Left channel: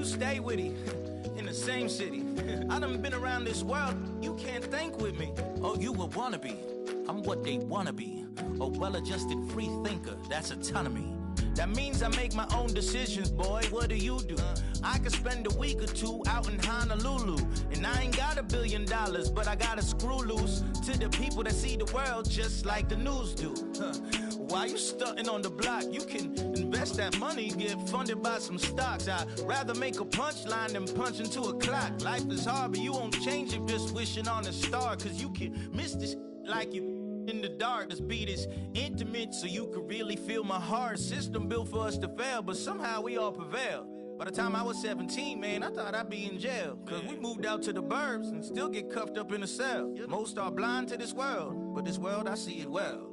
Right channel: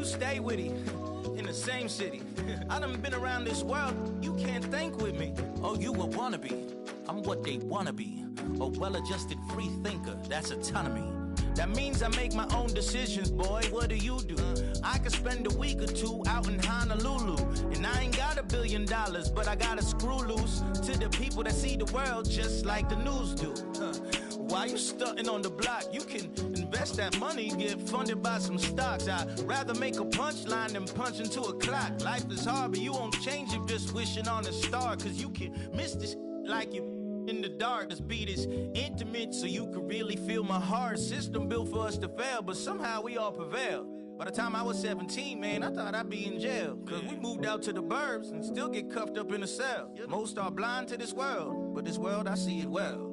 you stay with him in the same city. I done been around this world, you can't think with me. Oh, you a wannabe. I'm what they wanna be. A well-adjusted free thinker, that's autonomy. That means I make my own decisions, boy. What do you do? I could spend a week or two out in Honolulu, and I ain't got $1 billion, but I got a screw loose to the people that see the world just like the news do. While you stunting on the block, you can invest that money, get funded by some stocks. I'd rather make a punchline than punch into a clock. Life is hard, but you won't change it just wishing on a star, cause you can miss this like you in the dark. This beat is intimate, so you could really feel my heart. System built for us to fail, but somehow we all prevail. By the time I was 17, man, I thought I'd be in jail. Cause we moved out to the burbs and still get cuffed up in a cell. Most are blind to this world, but this world, I see it well.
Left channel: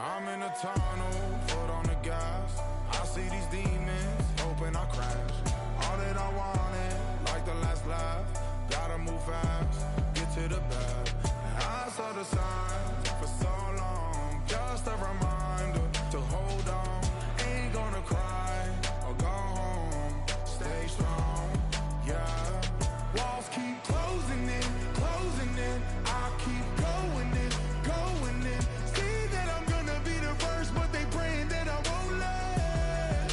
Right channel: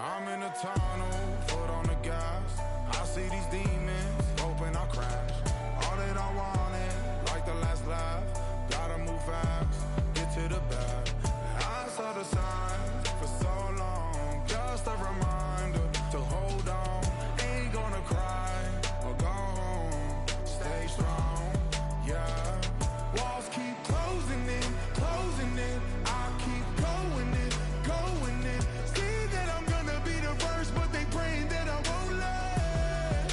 I'm in a tunnel, foot on the gas. I see these demons, hoping I crash. All that I wanted, like the last laugh. Gotta move fast, get to the bag. I saw the signs for so long, just a reminder to hold on. Ain't gonna cry or go home, stay strong, yeah. Walls keep closing in, I keep going in, going in. See that I'm gonna be the first, but they praying that I won't let.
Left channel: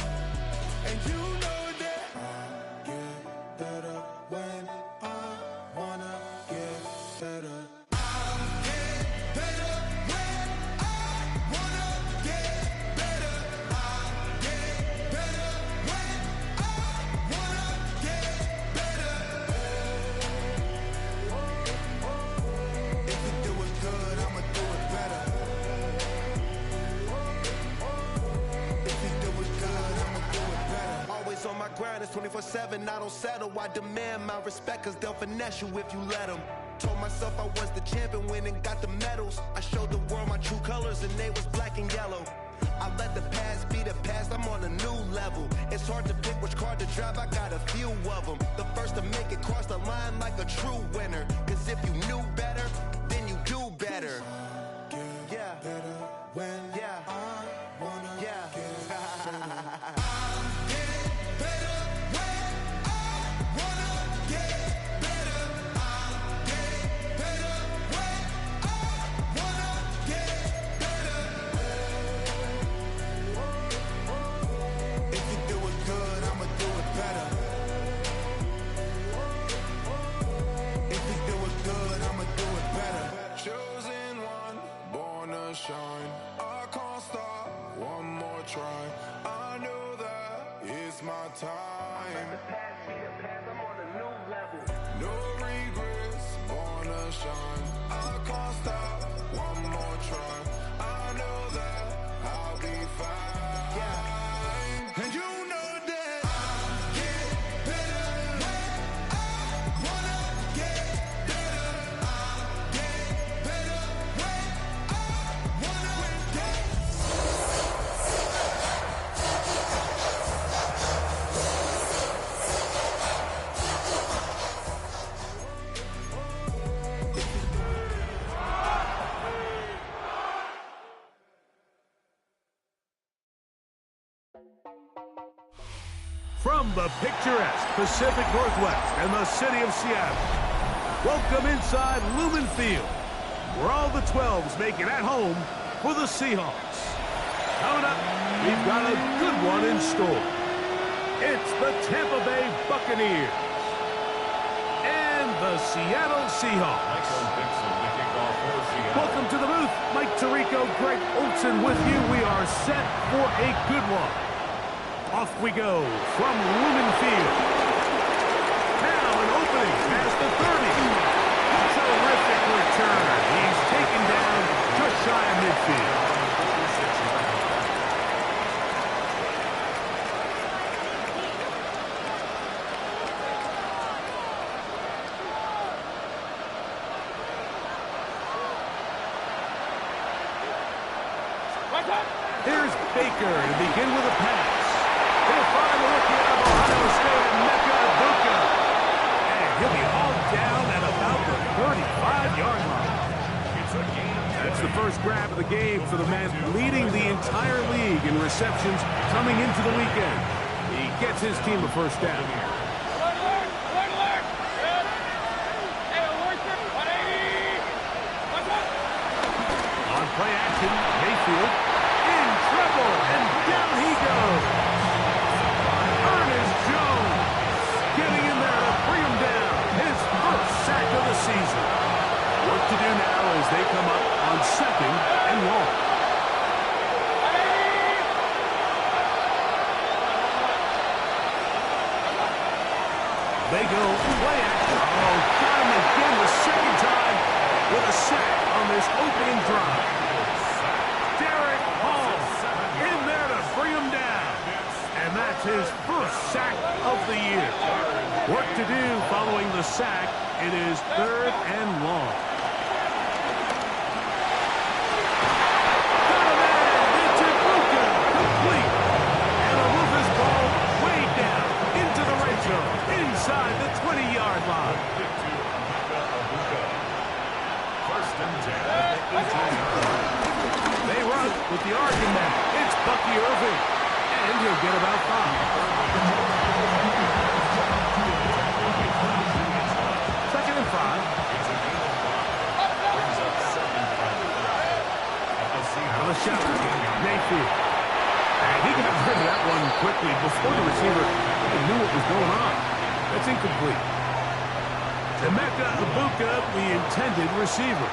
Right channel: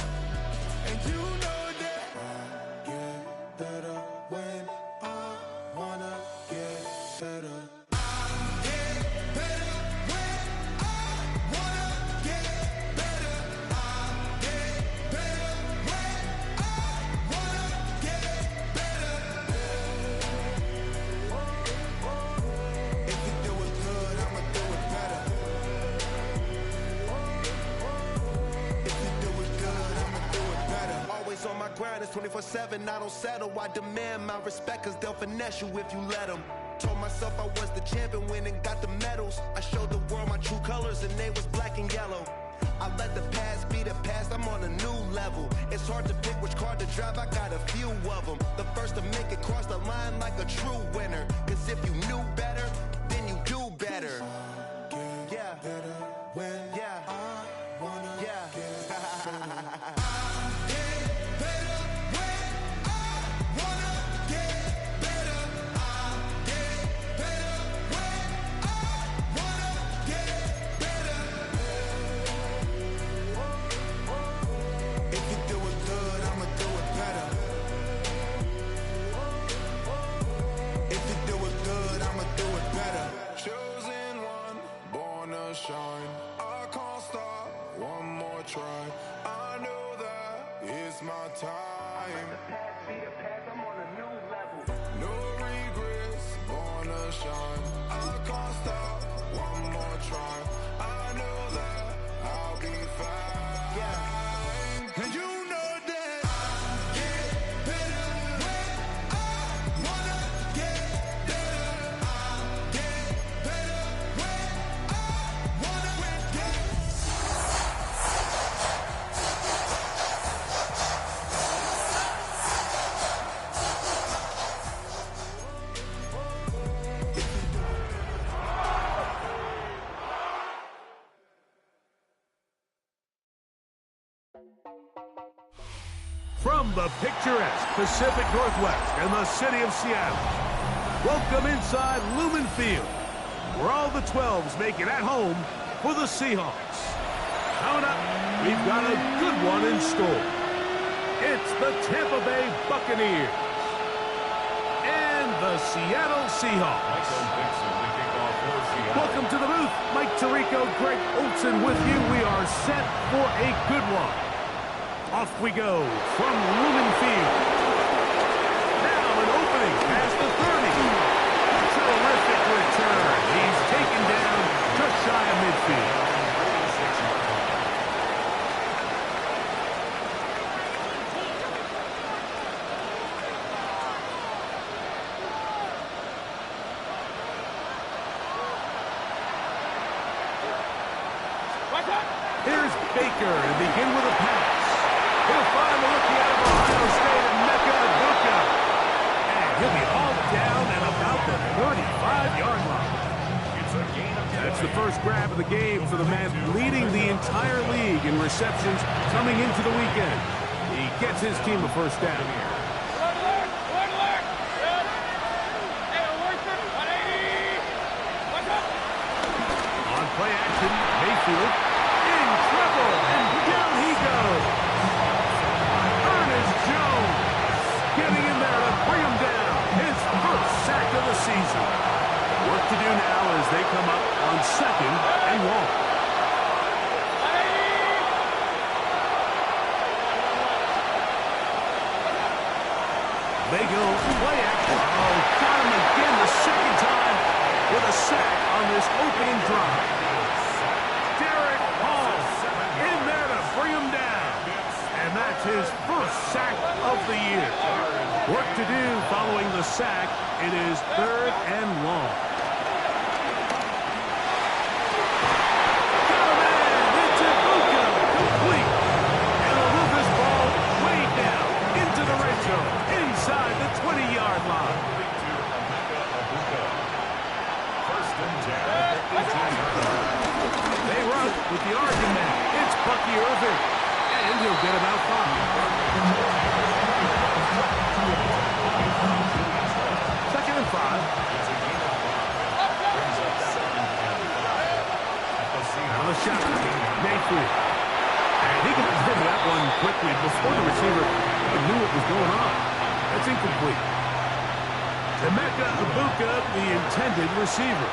And you know that I get better when I wanna get better. I get better when I wanna get better. I get better when I wanna get better. If you do it good, I'ma do it better. If you do it good, I'ma do it better. Always on my grind, it's 24/7, I don't settle. I demand my respect, cause they'll finesse you if you let them. Told myself I was the champion, went and got the medals. I showed the world my true colors and they was black and yellow. I let the past be the past, I'm on a new level. It's hard to pick which car to drive, I got a few of them. The first to make it cross the line like a true winner. Cause if you knew better, then you do better. Get better when I wanna get better. I get better when I wanna get better. I get better when I wanna get better. If you do it good, I'ma do it better. If you do it good, I'ma do it better. Chosen one, born to shine. I can't stop, one more try. I know that it's my time. the past be the past, I'm on a new level. No regrets, born to shine. I can't stop, one more try. I know that I'll be fine. Yeah. And you know that I get better when I wanna get better. I get better when I wanna get. From the picturesque Pacific Northwest and the city of Seattle, welcome inside Lumen Field, where all the 12s make it at home for the Seahawks. Coming up, we've got a good one in store. It's the Tampa Bay Buccaneers and the Seattle Seahawks. Welcome to the booth. Mike Tirico, Greg Olson with you. We are set for a good one. Off we go from Lumen Field. Now an opening past the 30. Terrific return. He's taken down just shy of midfield. Here's Baker to begin with a pass. He'll find the rookie out of Ohio State, Emeka Egbuka. And he'll be hauled down at about the 35-yard line. That's the first grab of the game for the man leading the entire league in receptions coming into the weekend. He gets his team a first down. On play action, Mayfield in trouble, and down he goes. Ernest Jones getting in there to bring him down. His first sack of the season. Work to do now as they come up on 2nd and long. They go play action. Oh, got him again the second time with a sack on this opening drive. Derek Hall in there to bring him down. And that's his first sack of the year. Work to do following the sack. It is 3rd and long. Got a man. It's Egbuka. Complete. And they'll move this ball way down into the red zone. Inside the 20-yard line. First and 10 at the 18-yard. They run with the argument. It's Bucky Irving. And he'll get about 5. 2nd and 5. Out of the shot. Mayfield. And he got rid of that one quickly before the receiver even knew what was going on. That's incomplete. Emeka Egbuka, the intended receiver.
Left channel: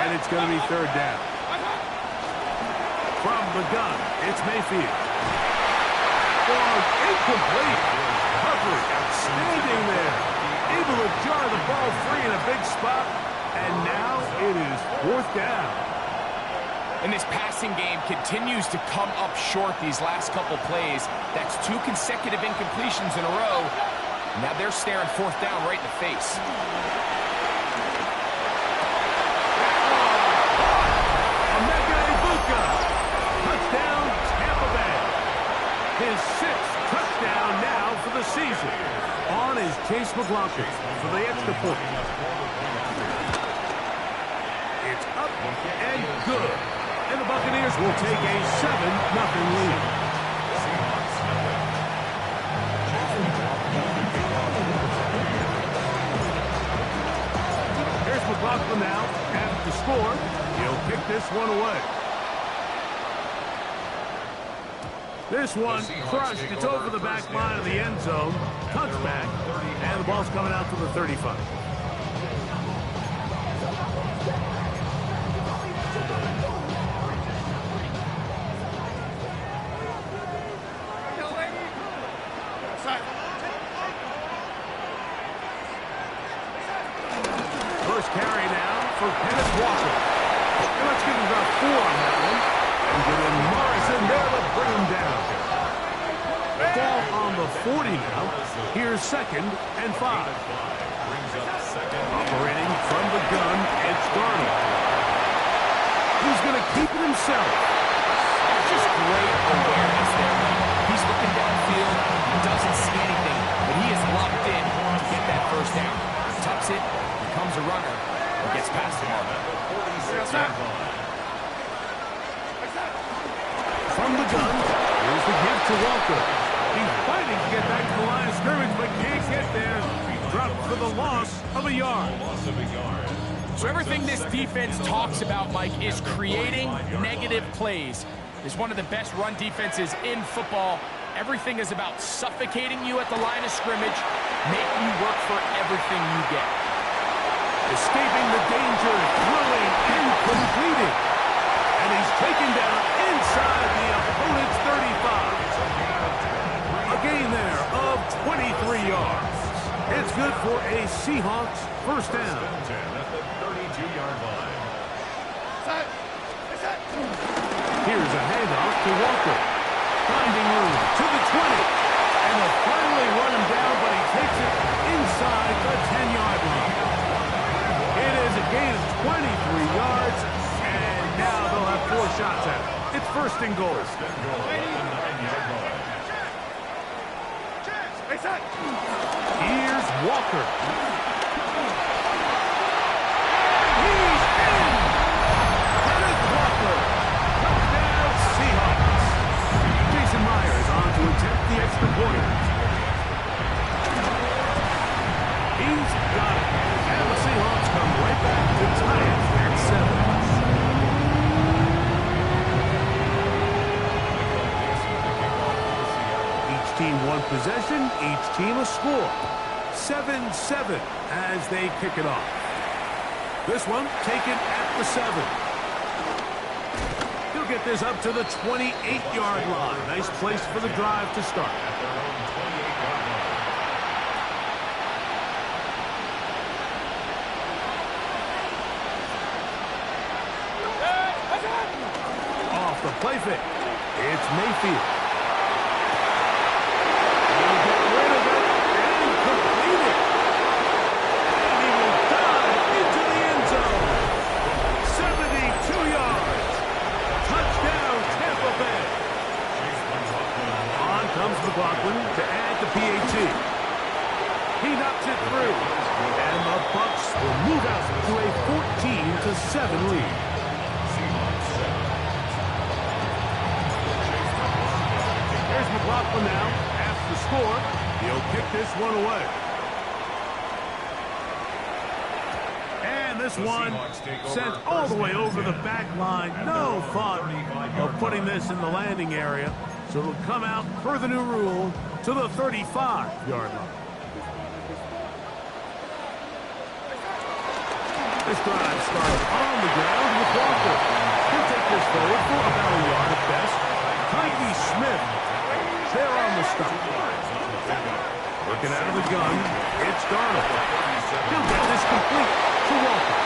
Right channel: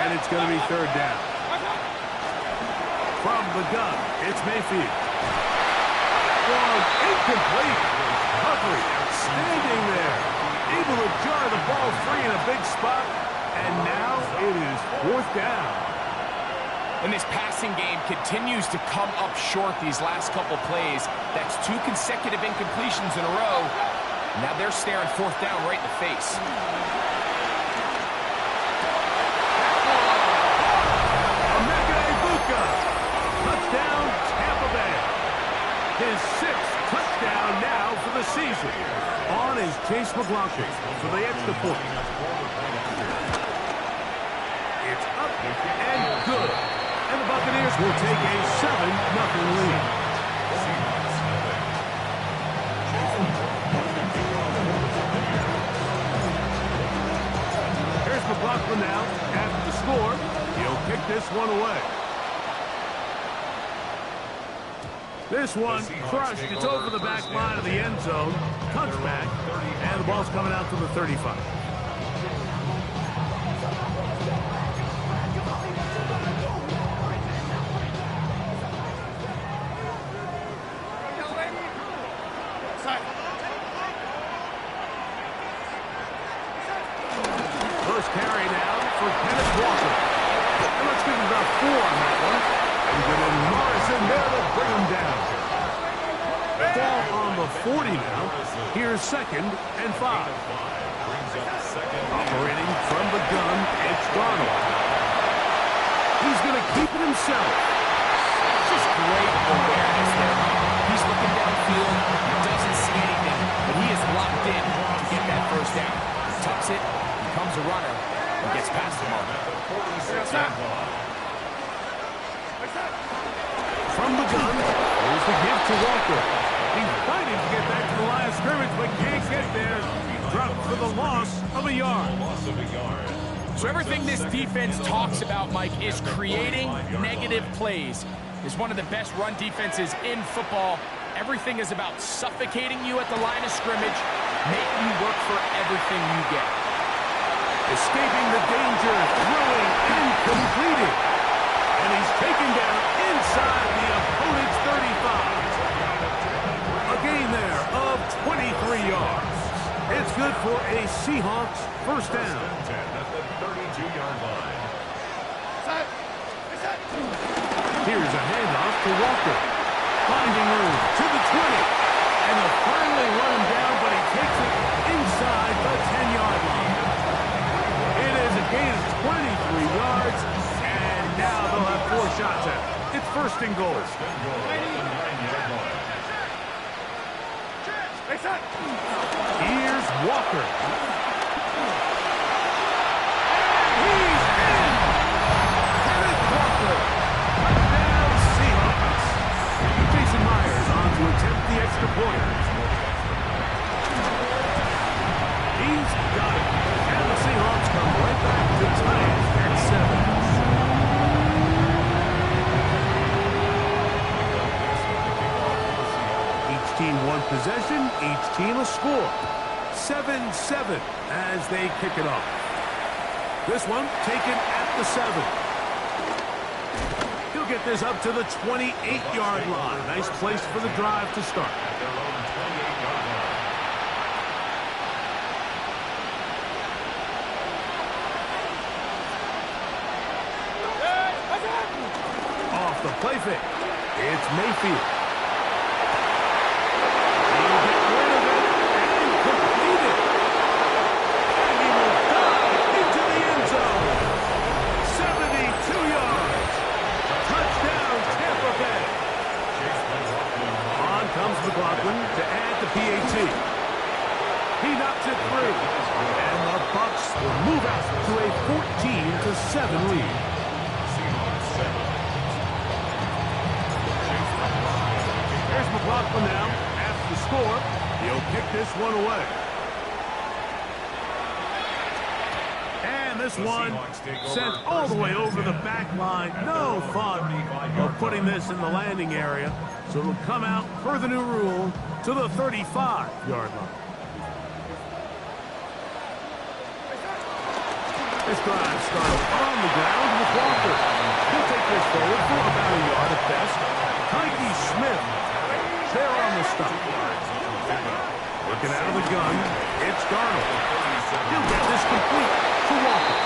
And it's going to be 3rd down. From the gun, it's Mayfield. Ball incomplete. Recovery outstanding there. Able to jar the ball free in a big spot. And now it is 4th down. And this passing game continues to come up short these last couple plays. That's 2 consecutive incompletions in a row. Now they're staring 4th down right in the face. That one. Emeka Egbuka. Touchdown, Tampa Bay. His 6th touchdown now for the season. On is Chase McLaughlin for the extra point. It's up and good. And the Buccaneers will take a 7-0 lead. Here's McLaughlin now at the score. He'll kick this one away. This one crushed. It's over the back line of the end zone. Touchback. And the ball's coming out to the 35. First carry now for Kenneth Walker. And let's give him about 4 on that one. And with Morrison there to bring him down. Ball on the 40 now. Here's 2nd and 5. Operating from the gun, it's Darnold. He's going to keep it himself. Just great awareness there, Mike. He's looking downfield. He doesn't see anything, but he is locked in to get that first down. He tucks it, becomes a runner, and gets past the mark. From the gun, here's the give to Walker. He's fighting to get back to the line of scrimmage, but can't get there. Dropped for the loss of a yard. So everything this defense talks about, Mike, is creating negative plays. It's one of the best run defenses in football. Everything is about suffocating you at the line of scrimmage, making you work for everything you get. Escaping the danger, throwing and completing. And he's taken down inside the opponent's 35. A gain there of 23 yards. It's good for a Seahawks first down. 10 at the 32-yard line. Here's a handoff to Walker. Finding room to the 20. And they'll finally run him down, but he takes it inside the 10-yard line. It is a gain of 23 yards, and now they'll have 4 shots at it. It's first and goal. First and goal at the 9-yard line. Here's Walker. And he's in! Kenneth Walker. Touchdown, Seahawks. Jason Myers on to attempt the extra point. He's got it. And the Seahawks come right back to tie it at 7. Each team one possession, each team a score. 7-7 as they kick it off. This one taken at the 7. He'll get this up to the 28-yard line. Nice place for the drive to start. At their own 28-yard line. Off the play fake. It's Mayfield. He'll get rid of it and complete it. And he will dive into the end zone. 72 yards. Touchdown, Tampa Bay. On comes McLaughlin to add the PAT. He knocks it through. And the Bucs will move out to a 14-7 lead. Here's McLaughlin now. After the score, he'll kick this one away. And this one sent all the way over the back line. No thought of putting this in the landing area. So it'll come out per the new rule to the 35-yard line. This drive starts on the ground with Walker. He'll take this forward for about a yard at best. Tyke Smith there on the stop. Working out of the gun, it's Darnold. He'll get this complete to Walker.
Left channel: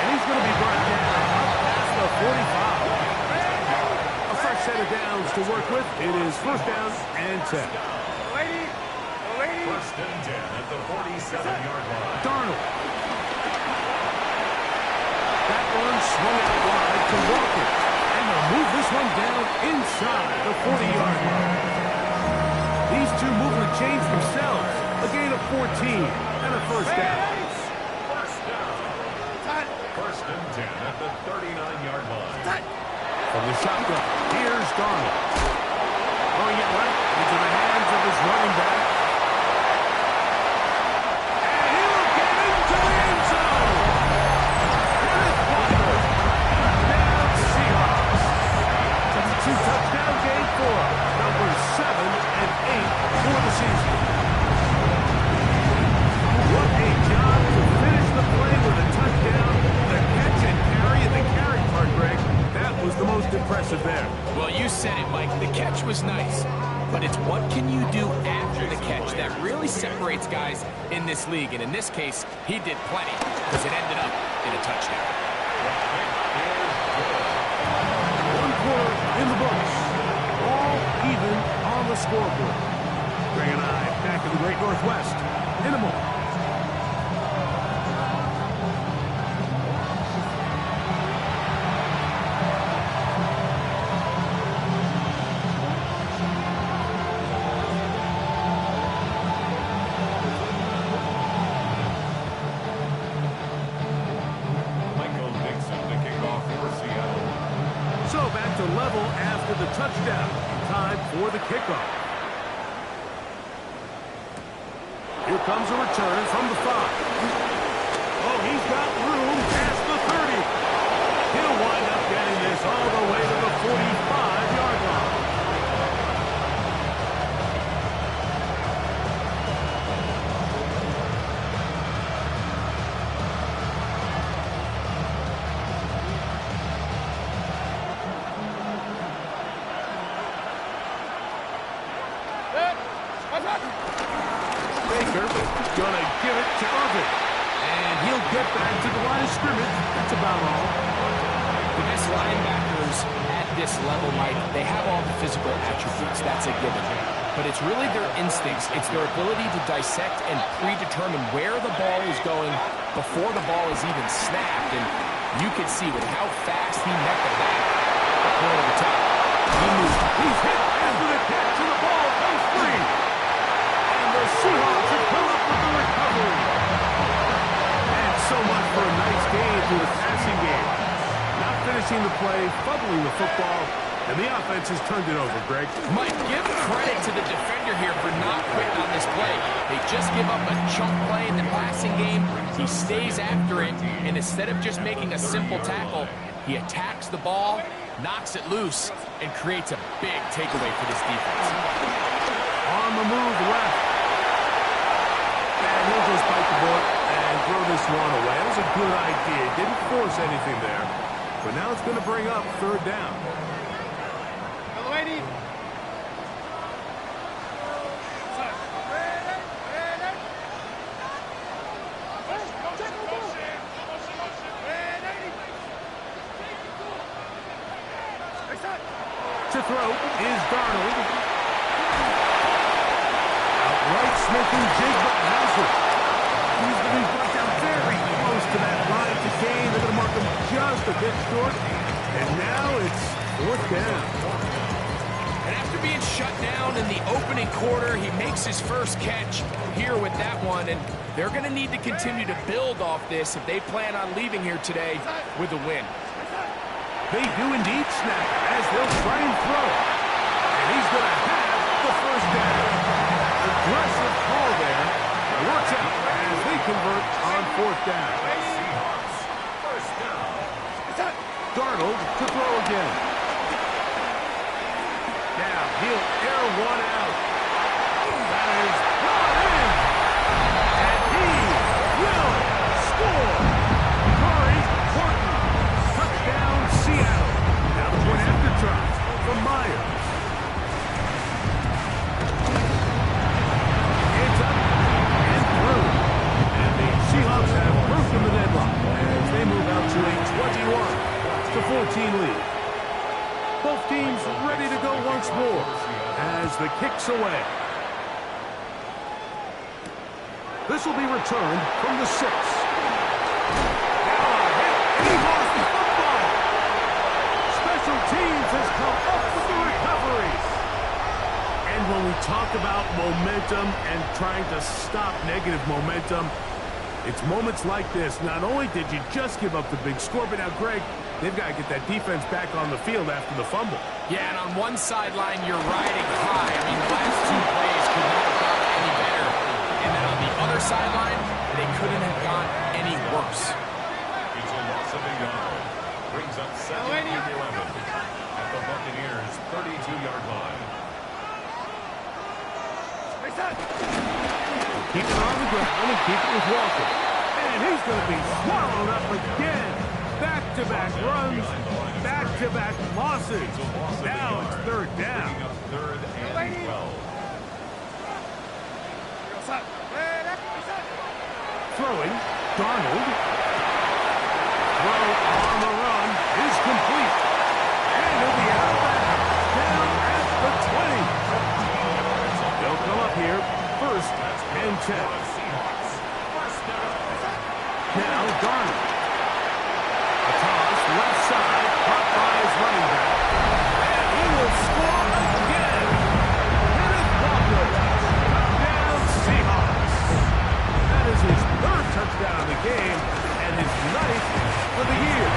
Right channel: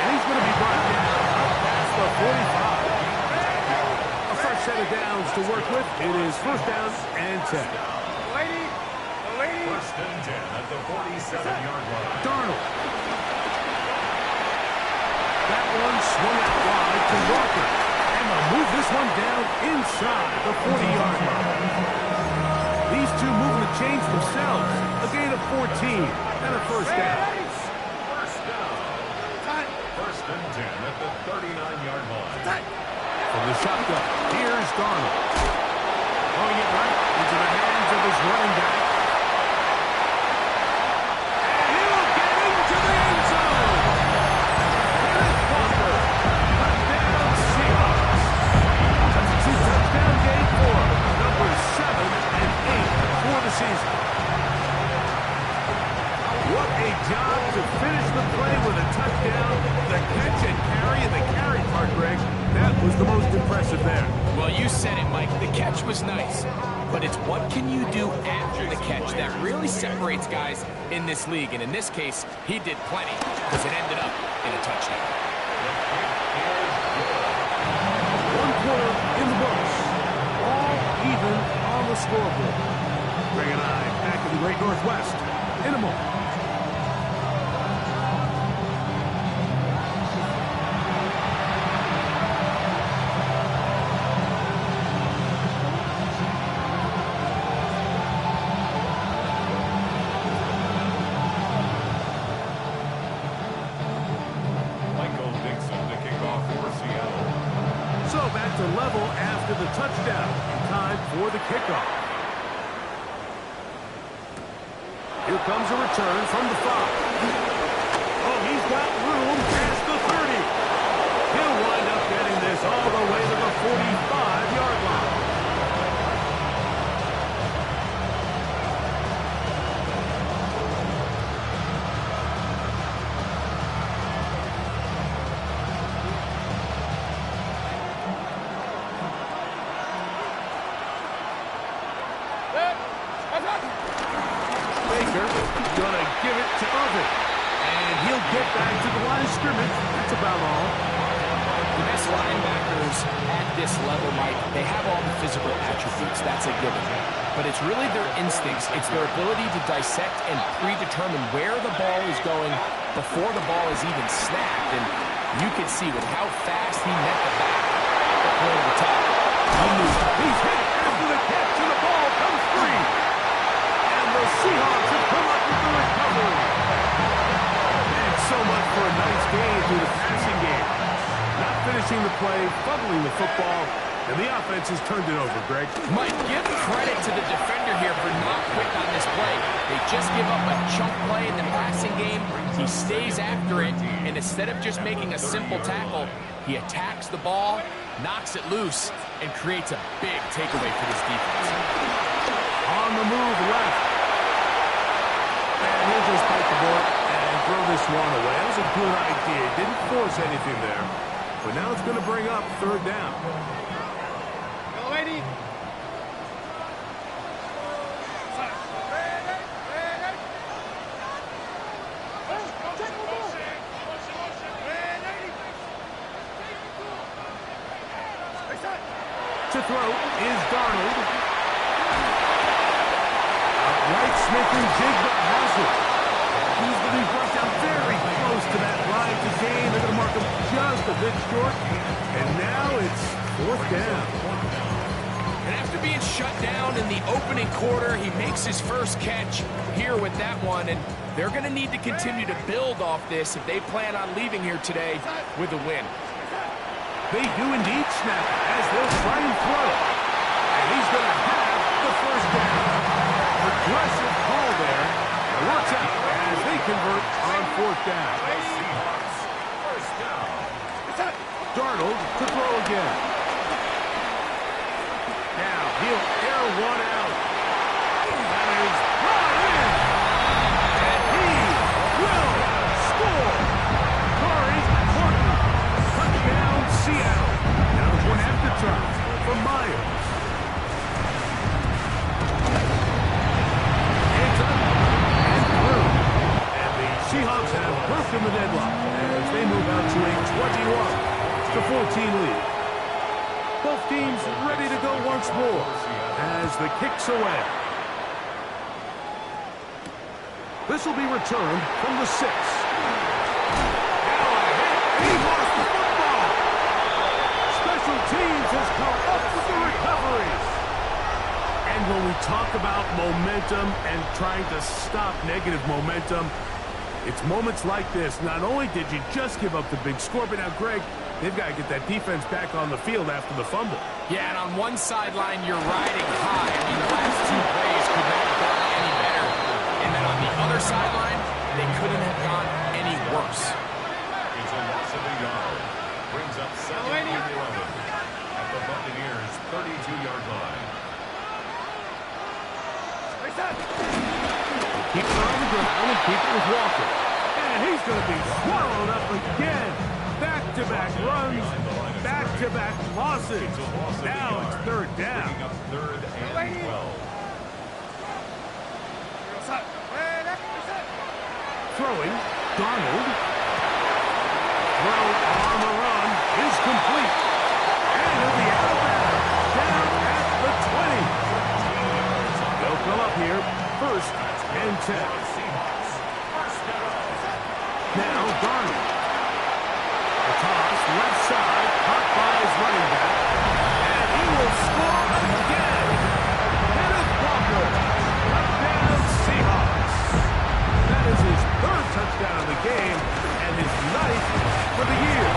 And he's going to be brought down up past the 45. A fresh set of downs to work with. It is first down and 10. First and 10 at the 47-yard line. Darnold. That one swung out wide to Walker. And they'll move this one down inside the 40-yard line. These two moving the chains themselves. A gain of 14 and a first down. First down. First and 10 at the 39-yard line. From the shotgun, here's Darnold. Throwing it right into the hands of his running back. And he'll get into the end zone. Kenneth Walker. Touchdown, Seahawks. That's a 2-touchdown game for numbers 7 and 8 for the season. What a job to finish the play with a touchdown. The catch and carry, and the carry part, Greg, that was the most impressive there. Well, you said it, Mike. The catch was nice. But it's what can you do after the catch that really separates guys in this league. And in this case, he did plenty because it ended up in a touchdown. The kick is good. One quarter in the books. All even on the scoreboard. Greg and I back in the Great Northwest in a moment. So back to level after the touchdown. Time for the kickoff. Here comes a return from the 5. Oh, he's got room past the 30. He'll wind up getting this all the way to the 45-yard line. Baker gonna give it to Irvin. And he'll get back to the line of scrimmage. That's about all. The best linebackers at this level, Mike, they have all the physical attributes. That's a given. But it's really their instincts. It's their ability to dissect and predetermine where the ball is going before the ball is even snapped. And you can see with how fast he met the back, the point of attack. He's hit after the catch, and the ball comes free. And the Seahawks have come up with the recovery. And so much for a nice gain through the passing game. Not finishing the play, fumbling the football, and the offense has turned it over, Greg. Mike, give credit to the defender here for not quitting on this play. They just give up a chunk play in the passing game. He stays after it, and instead of just making a simple tackle, he attacks the ball, knocks it loose, and creates a big takeaway for this defense. On the move left. And he'll just bite the bullet and throw this one away. That was a good idea. Didn't force anything there. But now it's going to bring up third down. To throw is Darnold. Outright, Smith and Jigba has it. He's going to be brought down very close to that line to gain. They're going to mark him just a bit short. And now it's fourth down. And after being shut down in the opening quarter, he makes his first catch here with that one. And they're going to need to continue to build off this if they plan on leaving here today with a win. They do indeed snap as they'll try and throw. And he's going to have the first down. Aggressive call there. It works out as they convert on fourth down. Seahawks, first down. Darnold to throw again. Now he'll air one out. That is brought in. And he will score. Corey Horton. Touchdown, Seattle. Now the point after try from Myers. It's up and through. And the Seahawks have broken the deadlock as they move out to a 21-14 lead. Both teams ready to go once more as the kick's away. This will be returned from the 6. Now a hit, and he lost the football. Special teams has come up with the recovery. And when we talk about momentum and trying to stop negative momentum, it's moments like this. Not only did you just give up the big score, but now, Greg, they've got to get that defense back on the field after the fumble. Yeah, and on one sideline, you're riding high. I mean, the last two plays could not have gone any better. And then on the other sideline, they couldn't have gone any worse. It's a loss of a yard. Brings up 2nd and 11 at the Buccaneers' 32-yard line. Keep it on the ground and keep it with Walker. And he's going to be swallowed up again. Back-to-back runs, back-to-back losses. Now it's third down. Bringing up 3rd and 12. Throwing, Darnold. Throw on the run is complete. And he'll be out of bounds. Down at the 20. They'll come up here, 1st and 10. Now Darnold. A toss, left side, caught by his running back. And he will score again. Kenneth Walker. Touchdown, Seahawks. That is his 3rd touchdown of the game and his 9th for the year.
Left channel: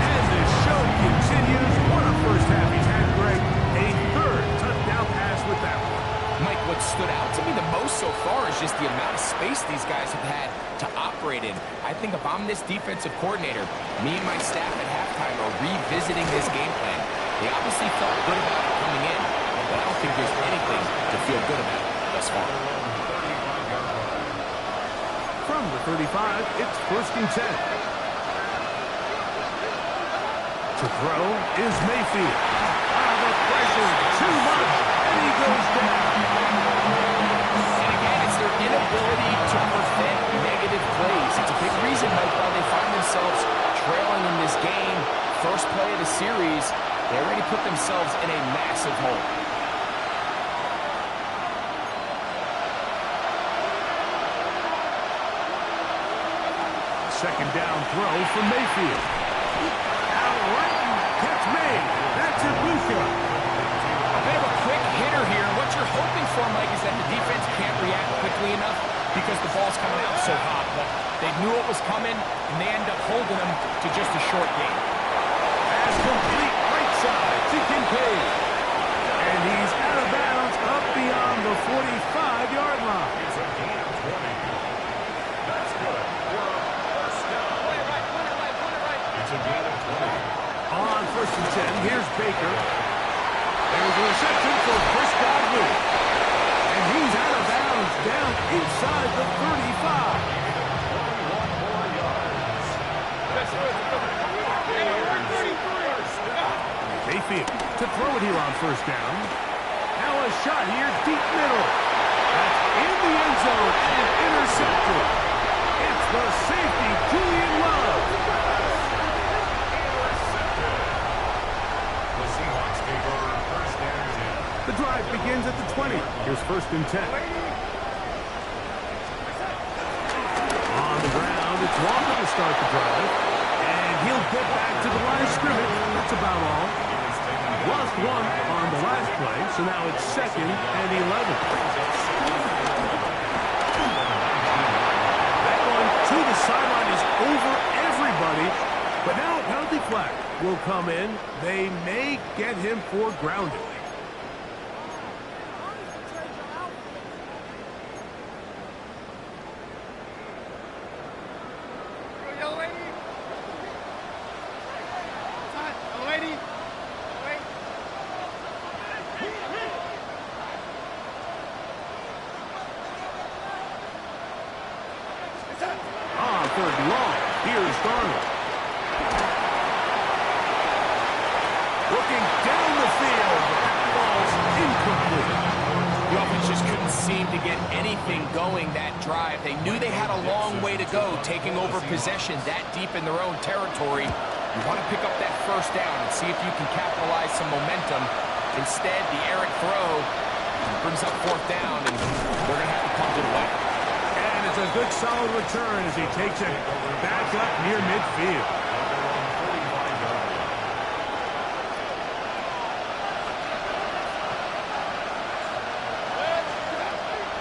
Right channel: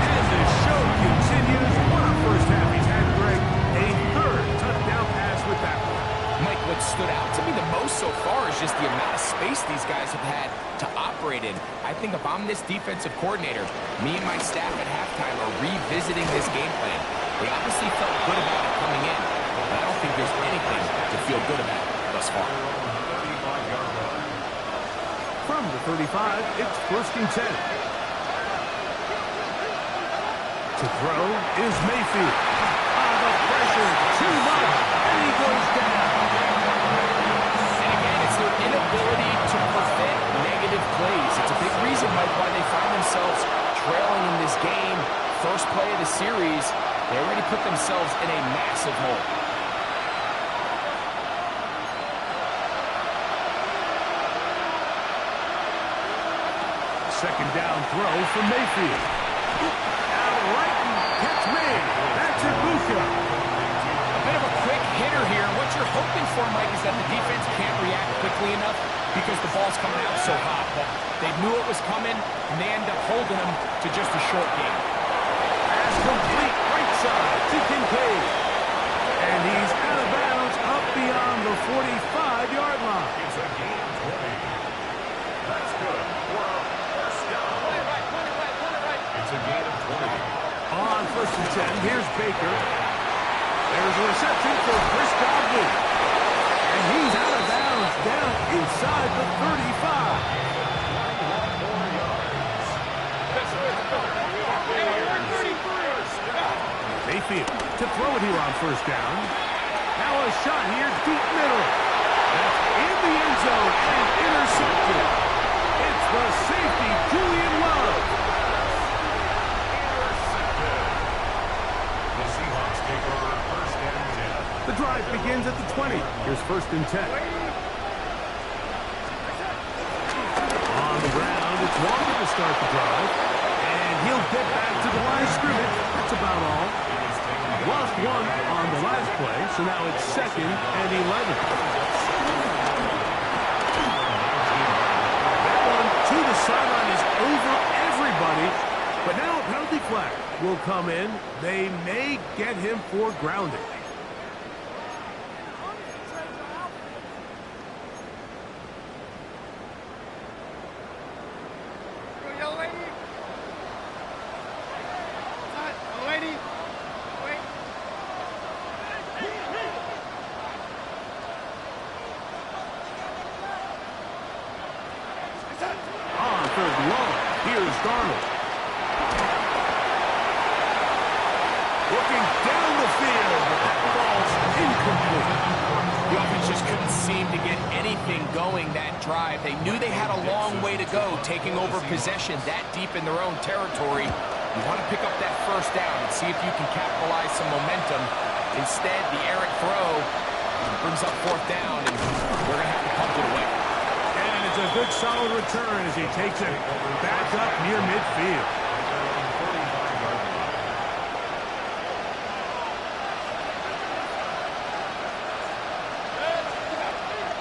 And the show continues. What a first half he's had, Greg. A 3rd touchdown pass with that one. Mike, what stood out to me the most so far is just the amount of space these guys have had to operate in. I think if I'm this defensive coordinator, me and my staff at halftime are revisiting this game plan. They obviously felt good about it coming in, but I don't think there's anything to feel good about thus far. From the 35, it's 1st and 10. To throw is Mayfield. The pressure too much, and he goes down. And again, it's their inability to prevent negative plays. It's a big reason, Mike, why they find themselves trailing in this game. First play of the series, they already put themselves in a massive hole. 2nd down throw for Mayfield. Outright catch made. That's Ibuka. A bit of a quick hitter here. And what you're hoping for, Mike, is that the defense can't react quickly enough because the ball's coming out so hot. But they knew it was coming, and they end up holding them to just a short game. Pass complete right side to Kincaid. And he's out of bounds up beyond the 45-yard line. It's a gain of 20. That's good. We're up first down. It's a gain of 20. On 1st and 10, here's Baker. There's a reception for Chris Godwin. And he's out of bounds down inside the 35. 21 more yards. Mayfield to throw it here on 1st down. Now a shot here, deep middle. That's in the end zone and intercepted. It's the safety, Julian Love. Intercepted. The Seahawks take over 1st and 10. The drive begins at the 20. Here's 1st and 10. On the ground, it's Walker to start the drive. And he'll get back to the line of scrimmage. That's about all. Lost one on the last play, so now it's 2nd and 11. That one to the sideline is over everybody. But now a penalty flag will come in. They may get him for grounding. On 3rd and long, here's Darnold. Looking down the field, but that ball's incomplete. The offense just couldn't seem to get anything going that drive. They knew they had a long way to go, taking over possession that deep in their own territory. You want to pick up that 1st down and see if you can capitalize some momentum. Instead, the errant throw brings up 4th down, and they're going to have to punt it away. And it's a good solid return as he takes it back up near midfield.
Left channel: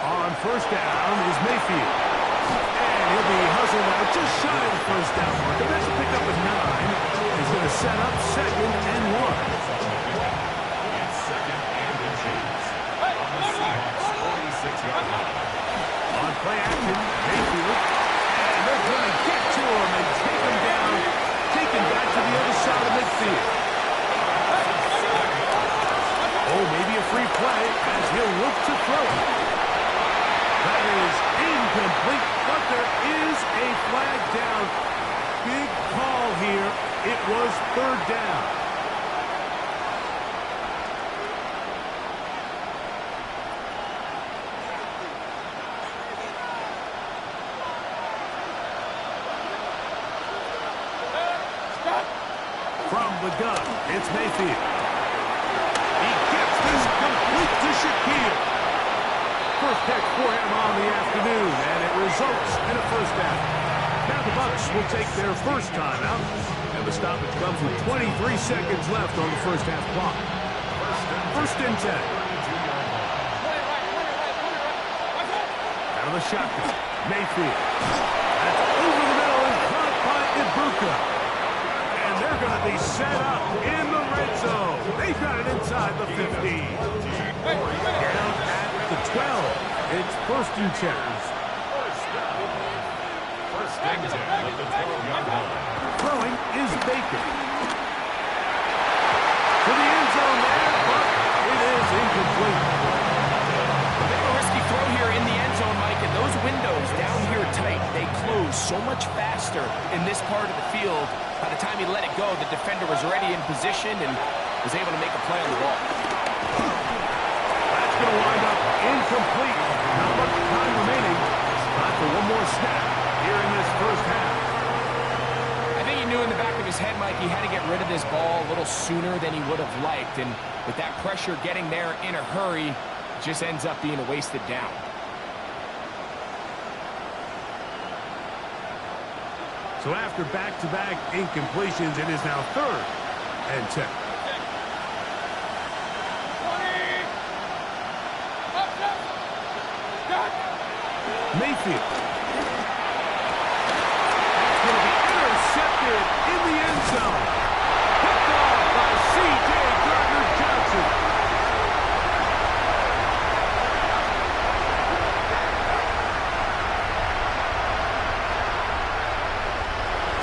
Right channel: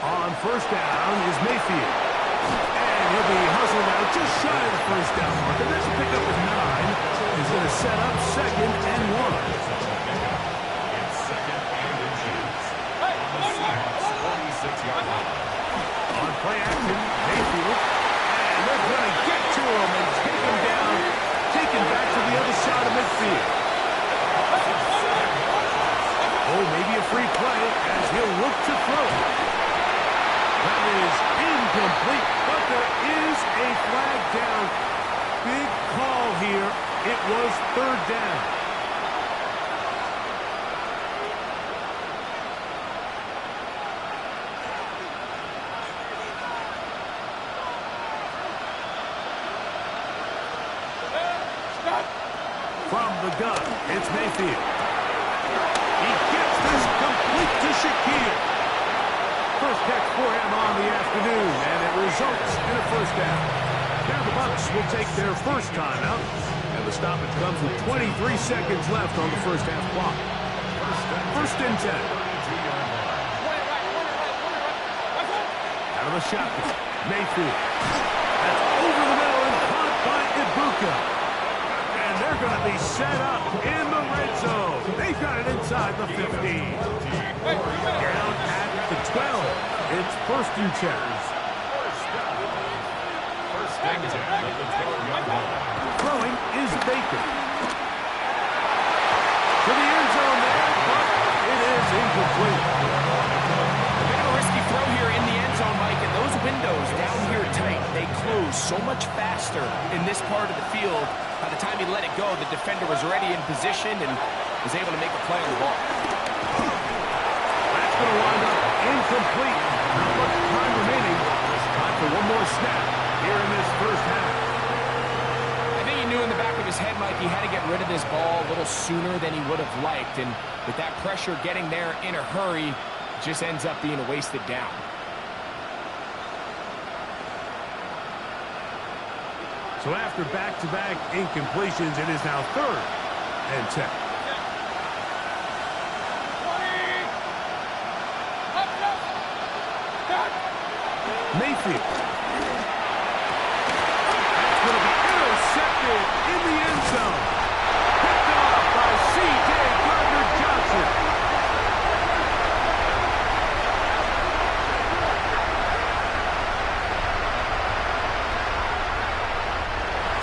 On 1st down is Mayfield. And he'll be hustled out just shy of the 1st down marker. That's a pickup of 9. He's going to set up 2nd and 1. It's 2nd and inches. On the Seahawks 46-yard line. On play action, Mayfield. And they're going to get to him and take him down. Taken back to the other side of midfield. Oh, maybe a free play as he'll look to throw it. That is incomplete, but there is a flag down. Big call here. It was 3rd down. From the gun, it's Mayfield. He gets this complete to Shaquille. First catch for him on the afternoon, and it results in a 1st down. Now the Bucs will take their 1st timeout, and the stoppage comes with 23 seconds left on the 1st half clock. 1st and 10. Out of the shotgun, Mayfield. That's over the middle and caught by Ibuka. And they're going to be set up in the red zone. They've got it inside the 15. Down at the 12. It's 1st and 10. 1st and 10 at the 12-yard line. Throwing is Baker. To the end zone there, but it is incomplete. A bit of a risky throw here in the end zone, Mike, and those windows down here tight, they close so much faster in this part of the field. By the time he let it go, the defender was already in position and was able to make a play on the ball. That's going to wind up incomplete. Not much time remaining. Time for one more snap here in this 1st half. I think he knew in the back of his head, Mike, he had to get rid of this ball a little sooner than he would have liked. And with that pressure getting there in a hurry, it just ends up being a wasted down. So after back-to-back incompletions, it is now 3rd and 10. Mayfield. That's going to be intercepted in the end zone. Picked off by C.J. Gardner-Johnson.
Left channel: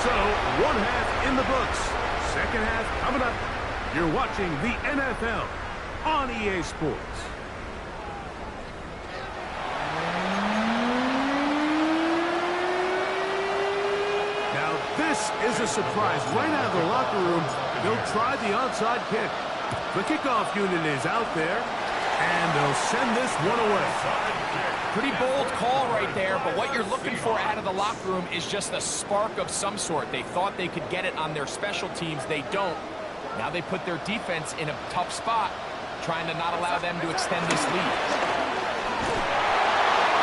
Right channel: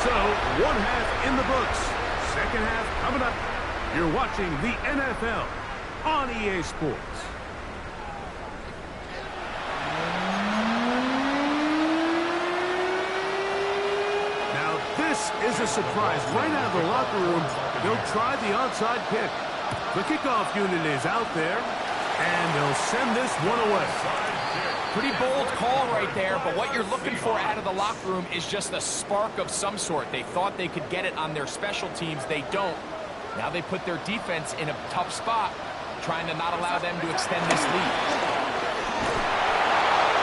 So, one half in the books. Second half coming up. You're watching the NFL on EA Sports. Now, this is a surprise. Right out of the locker room, they'll try the onside kick. The kickoff unit is out there, and they'll send this one away. Pretty bold call right there, but what you're looking for out of the locker room is just a spark of some sort. They thought they could get it on their special teams. They don't. Now they put their defense in a tough spot, trying to not allow them to extend this lead.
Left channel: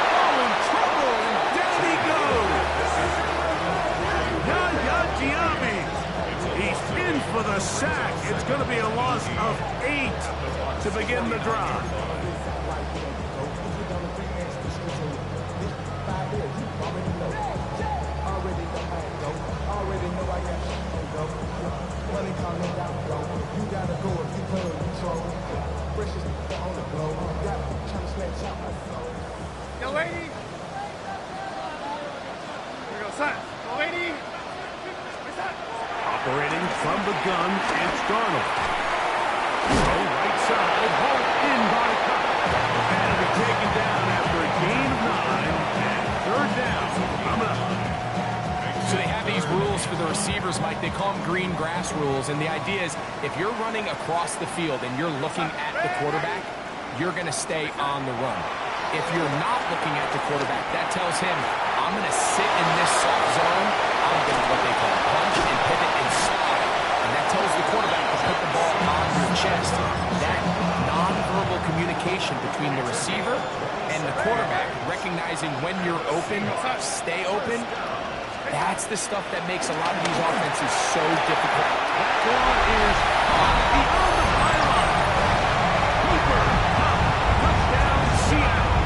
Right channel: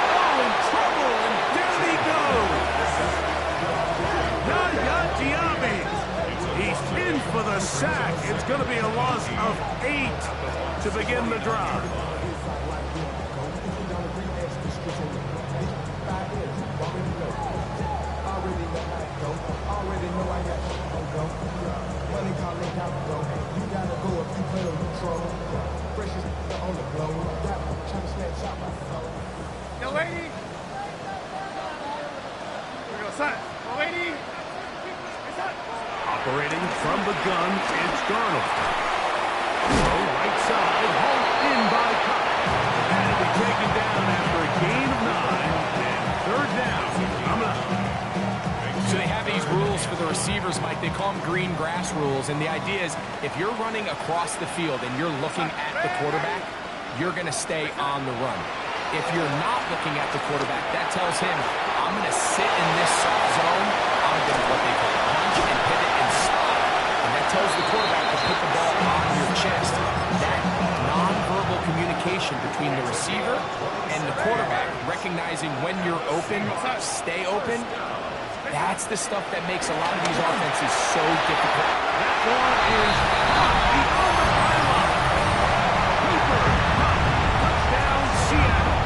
Oh, in trouble, and down he goes. Yaya Diaby. He's in for the sack. It's going to be a loss of 8 to begin the drive. Already know I got shit on go. Money calling out go. You gotta go if you play or you troll. Precious on the globe. Got trying to snatch out my soul. Yo, lady. Here we go, son. Yo, lady. Operating from the gun, it's Darnold. Throw right side, hauled in by Cox. And it'll be taken down after a gain of 9. And third down. Coming up. So they have these rules for the receivers, Mike. They call them green grass rules. And the idea is if you're running across the field and you're looking at the quarterback, you're going to stay on the run. If you're not looking at the quarterback, that tells him, I'm going to sit in this soft zone. I'm going to what they call punch and pivot and stop. And that tells the quarterback to put the ball on your chest. That nonverbal communication between the receiver and the quarterback, recognizing when you're open, stay open, that's the stuff that makes a lot of these offenses so difficult. That one is caught beyond the pylon. Keeper, touchdown, Seattle.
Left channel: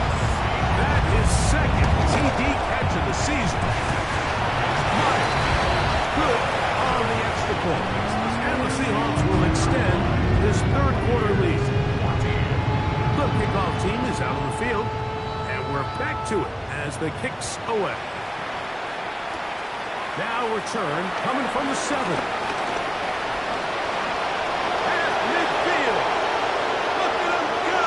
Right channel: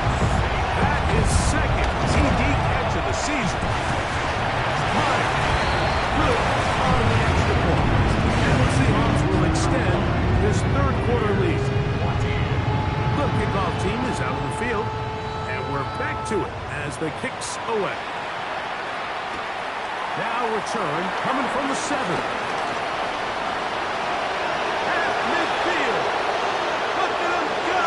That is second TD catch of the season. Meyer, good on the extra point. And the Seahawks will extend this third quarter lead. The kickoff team is out on the field, and we're back to it as the kick's away. Now return coming from the 7. Half midfield. Look at him go.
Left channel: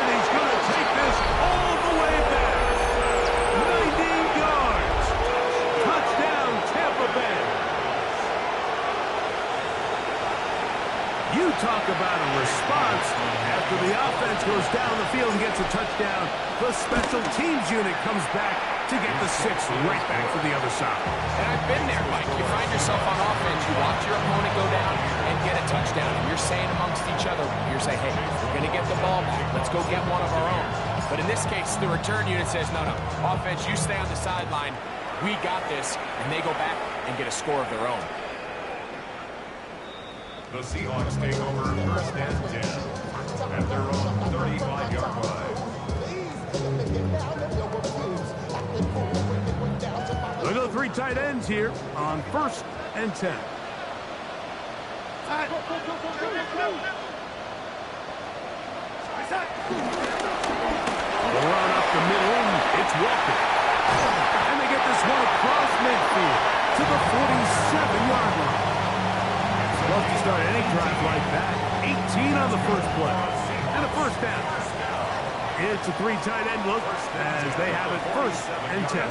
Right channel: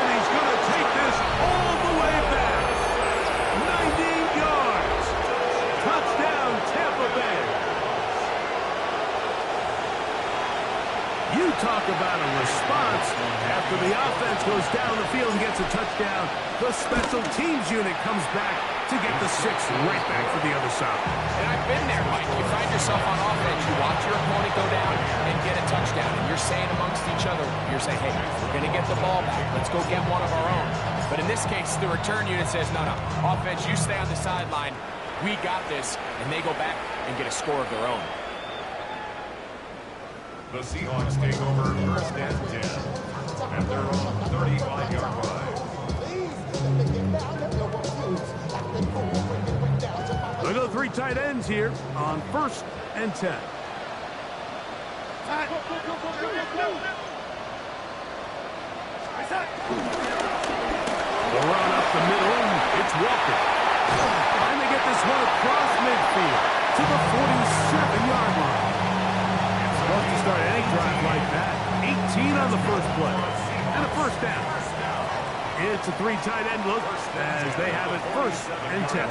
And he's going to take this all the way back. 90 yards. Touchdown, Tampa Bay. You talk about a response. After the offense goes down the field and gets a touchdown, the special teams unit comes back to get the 6 right back for the other side. And I've been there, Mike. You find yourself on offense, you watch your opponent go down and get a touchdown, and you're saying amongst each other, you're saying, hey, we're going to get the ball back. Let's go get one of our own. But in this case, the return unit says, no, offense, you stay on the sideline. We got this, and they go back and get a score of their own. The Seahawks take over first and 10 at their own 35-yard line. They go 3 tight ends here on first and 10. The run up the middle, it's Walker. And they get this one across midfield to the 47-yard line. It's tough to start any drive like that. 18 on the first play. And a first down. It's a 3 tight end look as they have it first and 10.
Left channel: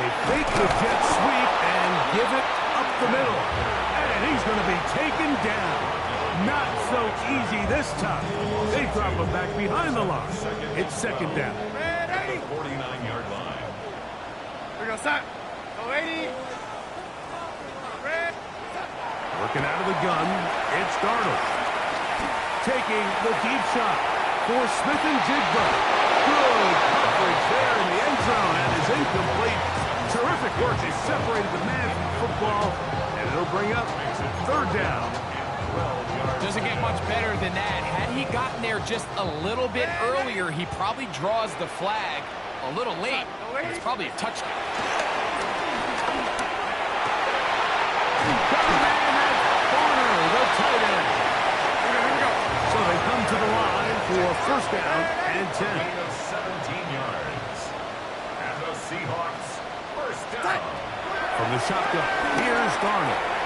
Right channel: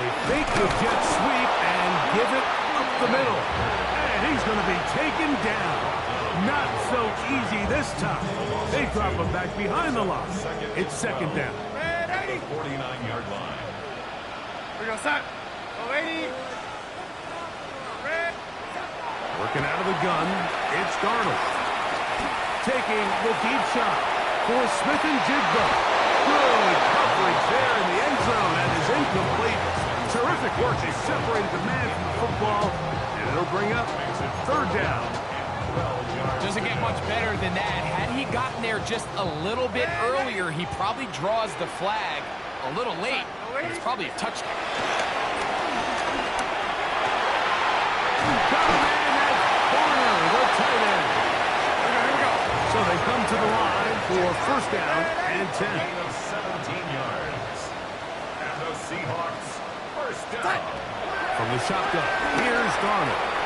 They fake the jet sweep and give it up the middle. And he's going to be taken down. Not so easy this time. They drop him back behind the line. It's second down. At the 49-yard line. Here we go, son. Go, lady. Red. Working out of the gun, it's Darnold. Taking the deep shot for Smith and Jigba. Good coverage there in the end zone, and is incomplete. Terrific work. He separated the man from football, and it'll bring up third down. Doesn't get much better than that. Had he gotten there just a little bit earlier, he probably draws the flag a little late. It's probably a touchdown. Got a man at corner, the tight end. Here we go. So they come to the line for first down and 10. Gain of 17 yards. And the Seahawks first down. From the shotgun, here's Darnold.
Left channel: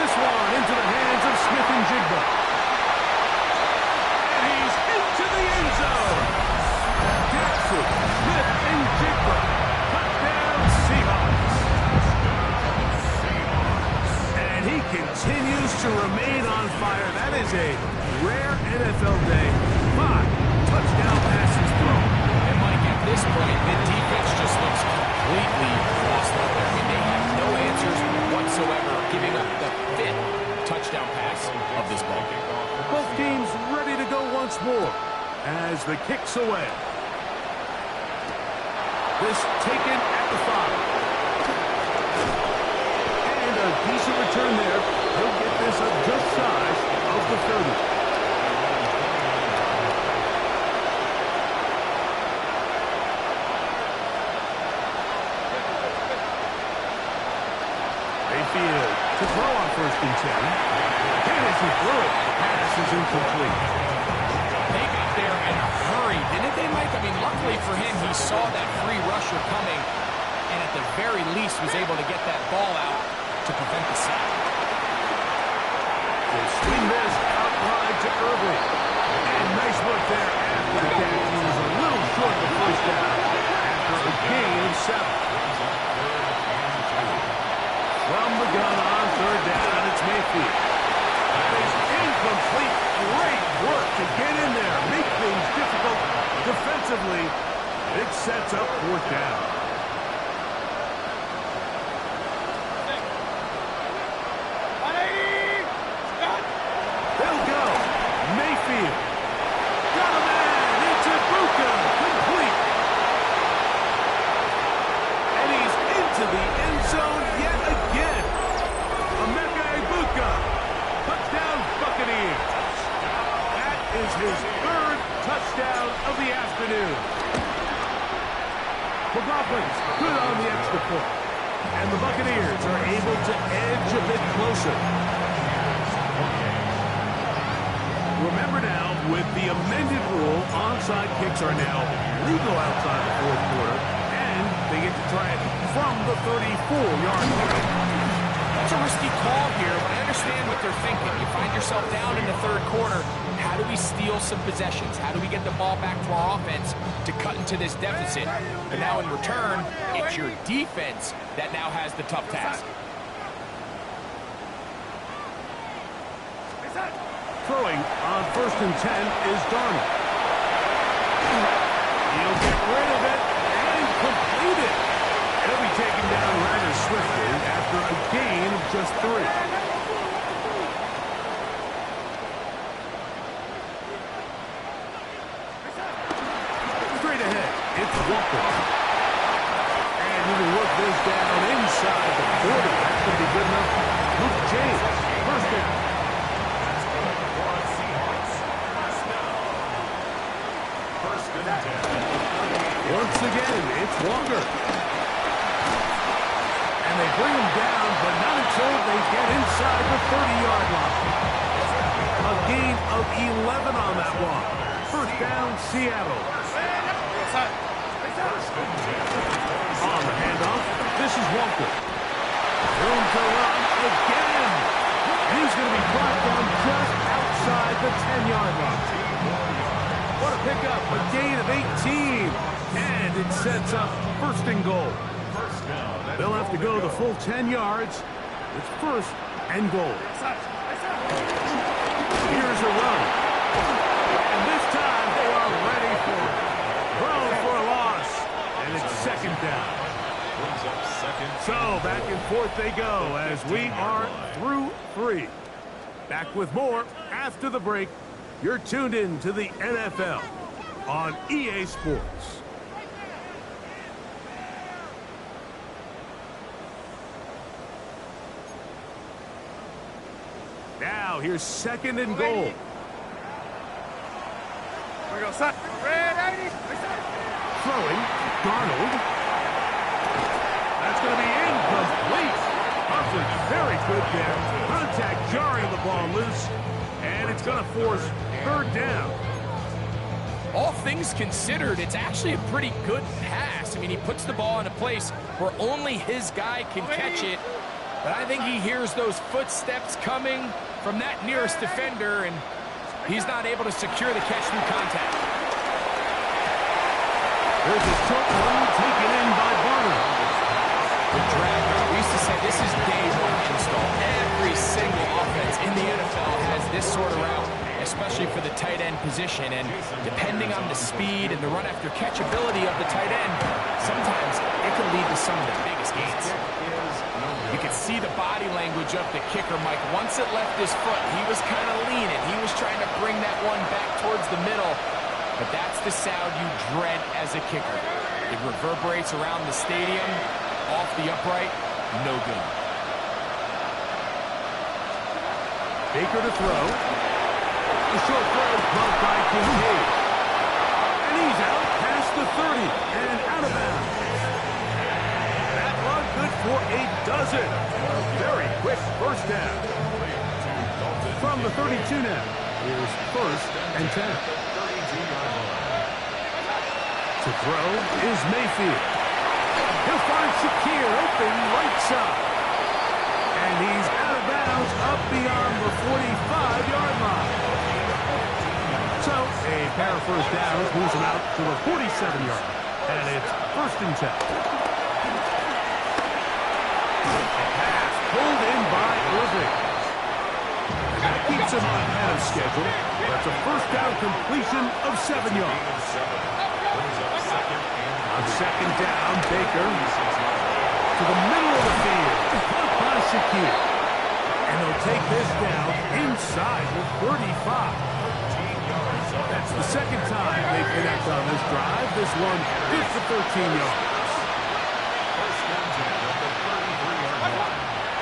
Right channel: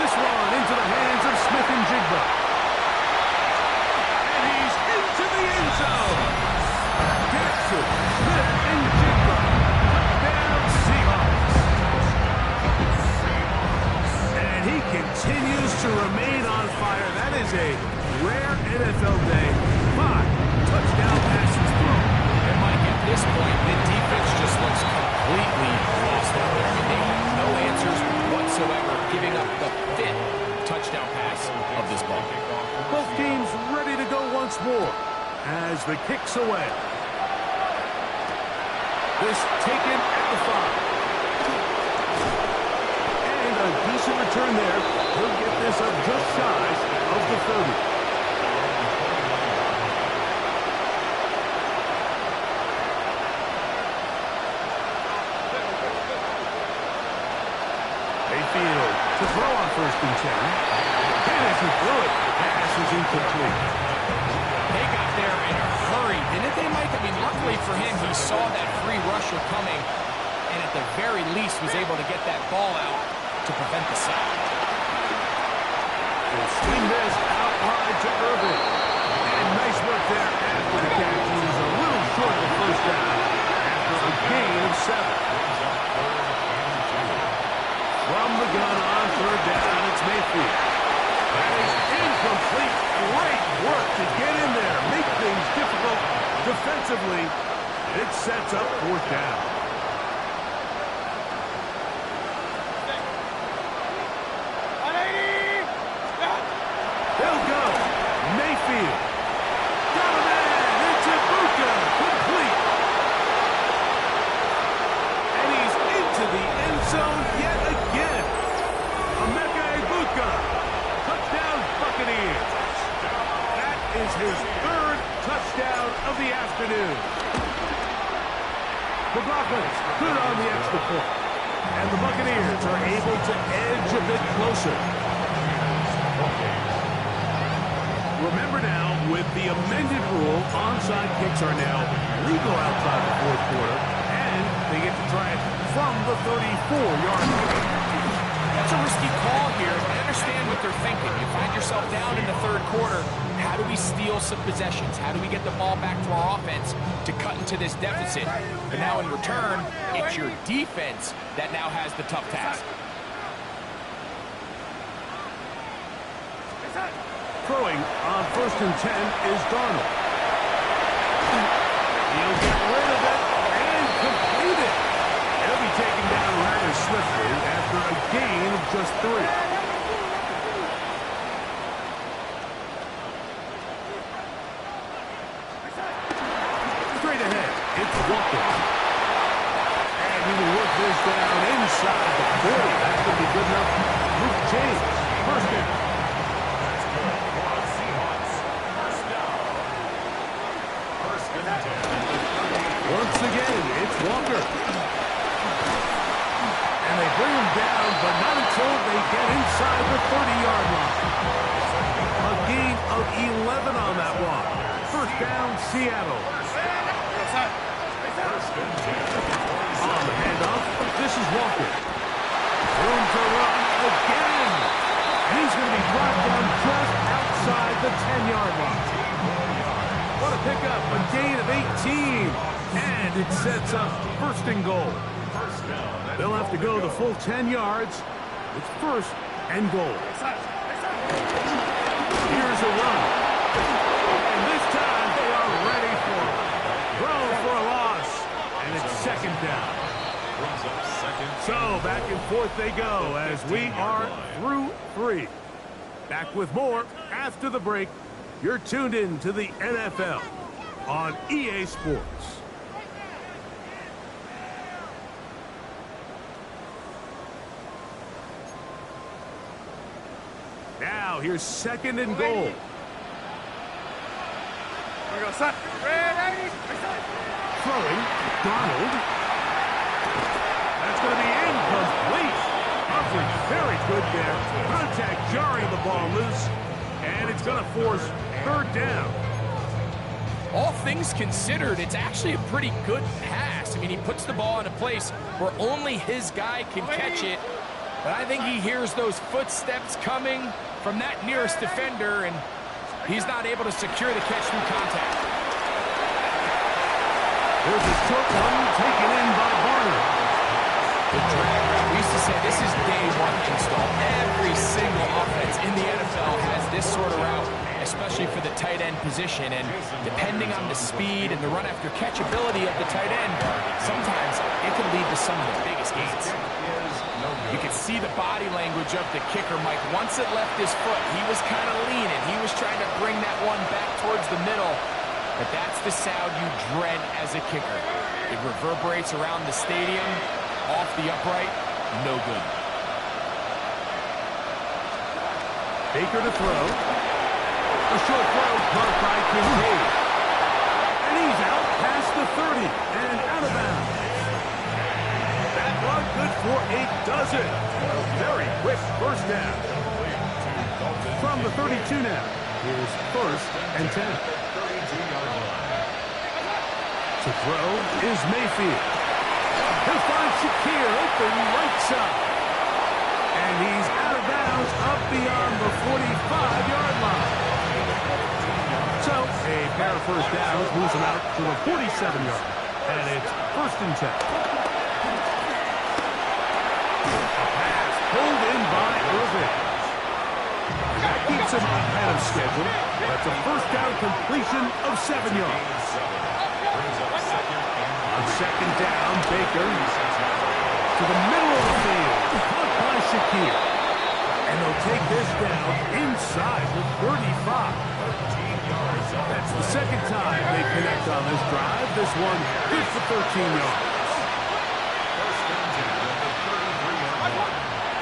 This one into the hands of Smith and Jigba. And he's into the end zone. Jackson, Smith, and Jigba. Touchdown, Seahawks. And he continues to remain on fire. That is a rare NFL day. 5 touchdown passes thrown. And Mike, at this point, the defense just looks completely lost out there. I mean, they have no answers whatsoever, giving up the 5th touchdown pass of this ball game. Both teams ready to go once more as the kick's away. This taken at the 5. And a decent return there. He'll get this up just shy of the 30. Mayfield to throw on first and 10. And as he threw it, the pass is incomplete. They got there in a hurry, didn't they, Mike? I mean, luckily for him, he saw that free rusher coming, and at the very least was able to get that ball out to prevent the sack. We'll swing this out wide to Irving. And nice work there after the catch. He was a little short of the first down after a gain of 7. From the gun on third down, it's Mayfield. That is incomplete. Great work to get in there, make things difficult defensively. It sets up fourth down. They'll go. Mayfield. Got a man. It's Ibuka. Complete. And he's into the end zone yet again. Emeka Ibuka. Touchdown, Buccaneers. That is his 3rd touchdown of the afternoon. McLaughlin's good on the extra point. And the Buccaneers are able to edge a bit closer. Remember now, with the amended rule, onside kicks are now legal outside the 4th quarter, and they get to try it from the 34-yard line. That's a risky call here, but I understand what they're thinking. You find yourself down in the 3rd quarter. How do we steal some possessions? How do we get the ball back to our offense to cut into this deficit? But now in return, it's your defense that now has the tough task. Throwing on first and 10 is Darnold. He'll get rid of it and complete it. He'll be taken down rather swiftly after a gain of just 3. Straight ahead, it's Walker. And he will work this down inside the 40. That's going to be good enough. Luke James, first down. Once again, it's Walker. And they bring him down, but not until they get inside the 30-yard line. A gain of 11 on that one. First down, Seattle. On the handoff, this is Walker. Room to run again. And he's going to be brought down just outside the 10-yard line. What a pickup, a gain of 18. And it sets up first and goal. They'll have to go the full 10 yards. It's first and goal. Here's a run. And this time they are ready for it. Throw for a loss. And it's second down. Brings up second. So back and forth they go as we are through 3. Back with more after the break. You're tuned in to the NFL on EA Sports. Now here's second and goal. Here we go, son. Ready? Throwing, Darnold. That's going to be incomplete. Coverage very good there. Contact jarring the ball loose. And it's going to force third down. All things considered, it's actually a pretty good pass. I mean, he puts the ball in a place where only his guy can catch it. But I think he hears those footsteps coming from that nearest defender, and he's not able to secure the catch through contact. There's a short one taken in by Barner. The drag route. We used to say this is day one install. Every single offense in the NFL has this sort of route, especially for the tight end position. And depending on the speed and the run after catch ability of the tight end, sometimes it can lead to some of the biggest gains. You can see the body language of the kicker, Mike. Once it left his foot, he was kind of leaning. He was trying to bring that one back towards the middle. But that's the sound you dread as a kicker. It reverberates around the stadium. Off the upright, no good. Baker to throw. A short throw caught by Kincaid. And he's out past the 30 and out of bounds. That one good for a dozen. A very quick first down. From the 32 now. Here's first and 10. To throw is Mayfield. He'll find Shakir open right side. And he's out of bounds up beyond the 45-yard line. So a pair of first downs moves him out to the 47-yard. And it's first and 10. A pass pulled in by Irving. That keeps him ahead of schedule. That's a first down completion of 7 yards. On second down, Baker to the middle of the field. Caught by Shakir. And they'll take this down inside the 35. That's the second time they connect on this drive. This one good for 13 yards.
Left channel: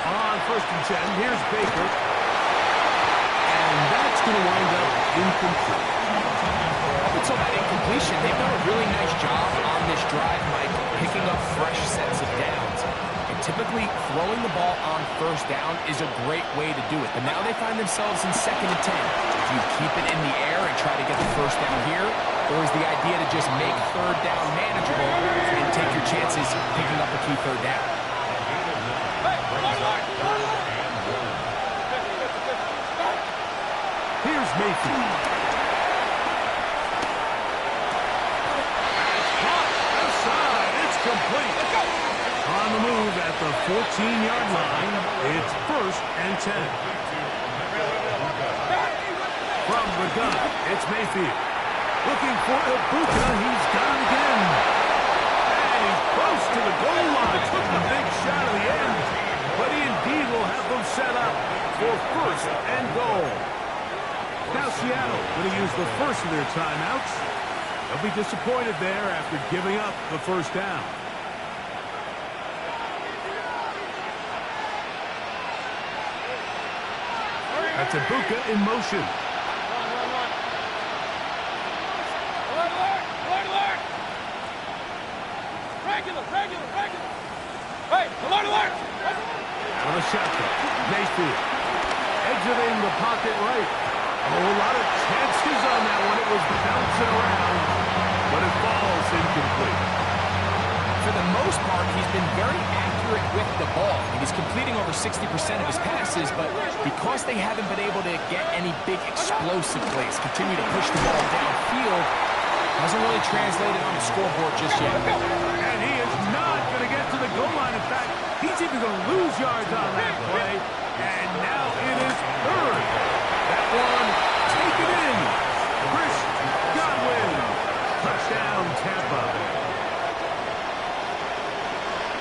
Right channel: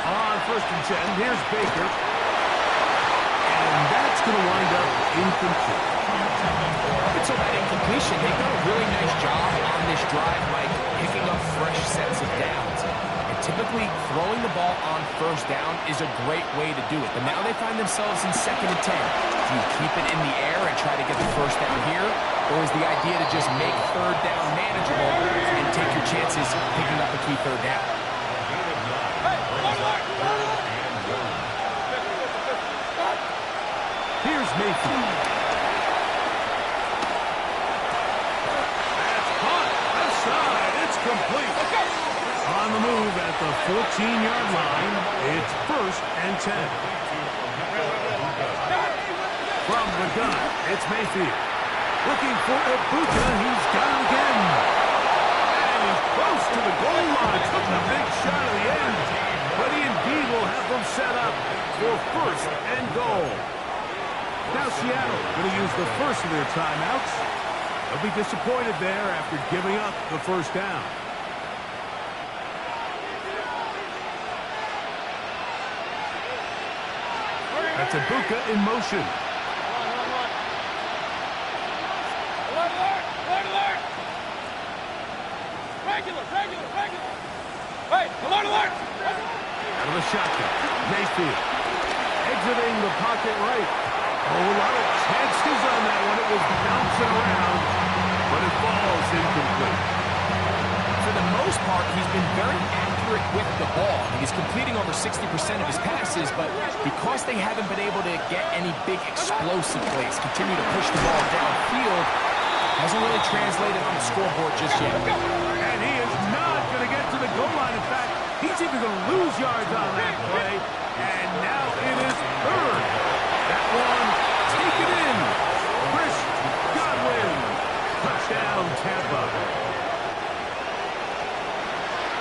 On first and 10, here's Baker. And that's going to wind up incomplete. Up until that incompletion, they've done a really nice job on this drive, Mike, picking up fresh sets of downs. And typically, throwing the ball on first down is a great way to do it. But now they find themselves in second and 10. Do you keep it in the air and try to get the first down here? Or is the idea to just make third down manageable and take your chances picking up a key third down? Here's Mayfield. It's complete. On the move at the 14-yard line, it's first and 10. From the gun, it's Mayfield. Looking for Ibuka, he's got it again. And he's close to the goal line. Took the big shot at the end. But he indeed will have them set up for first and goal. Now Seattle going to use the first of their timeouts. They'll be disappointed there after giving up the first down. That's Ibuka in motion. Alert! Regular! Hey, alert! Out of the shotgun. Mayfield exiting the pocket right. Oh, a lot of chances on that one. It was bouncing around, but it falls incomplete. For the most part, he's been very accurate with the ball. He's completing over 60% of his passes, but because they haven't been able to get any big explosive plays, continue to push the ball downfield, hasn't really translated on the scoreboard just yet. And he is not going to get to the goal line. In fact, he's even going to lose yards on that play. And now it is third. That one taken in. Chris Godwin. Touchdown, Tampa.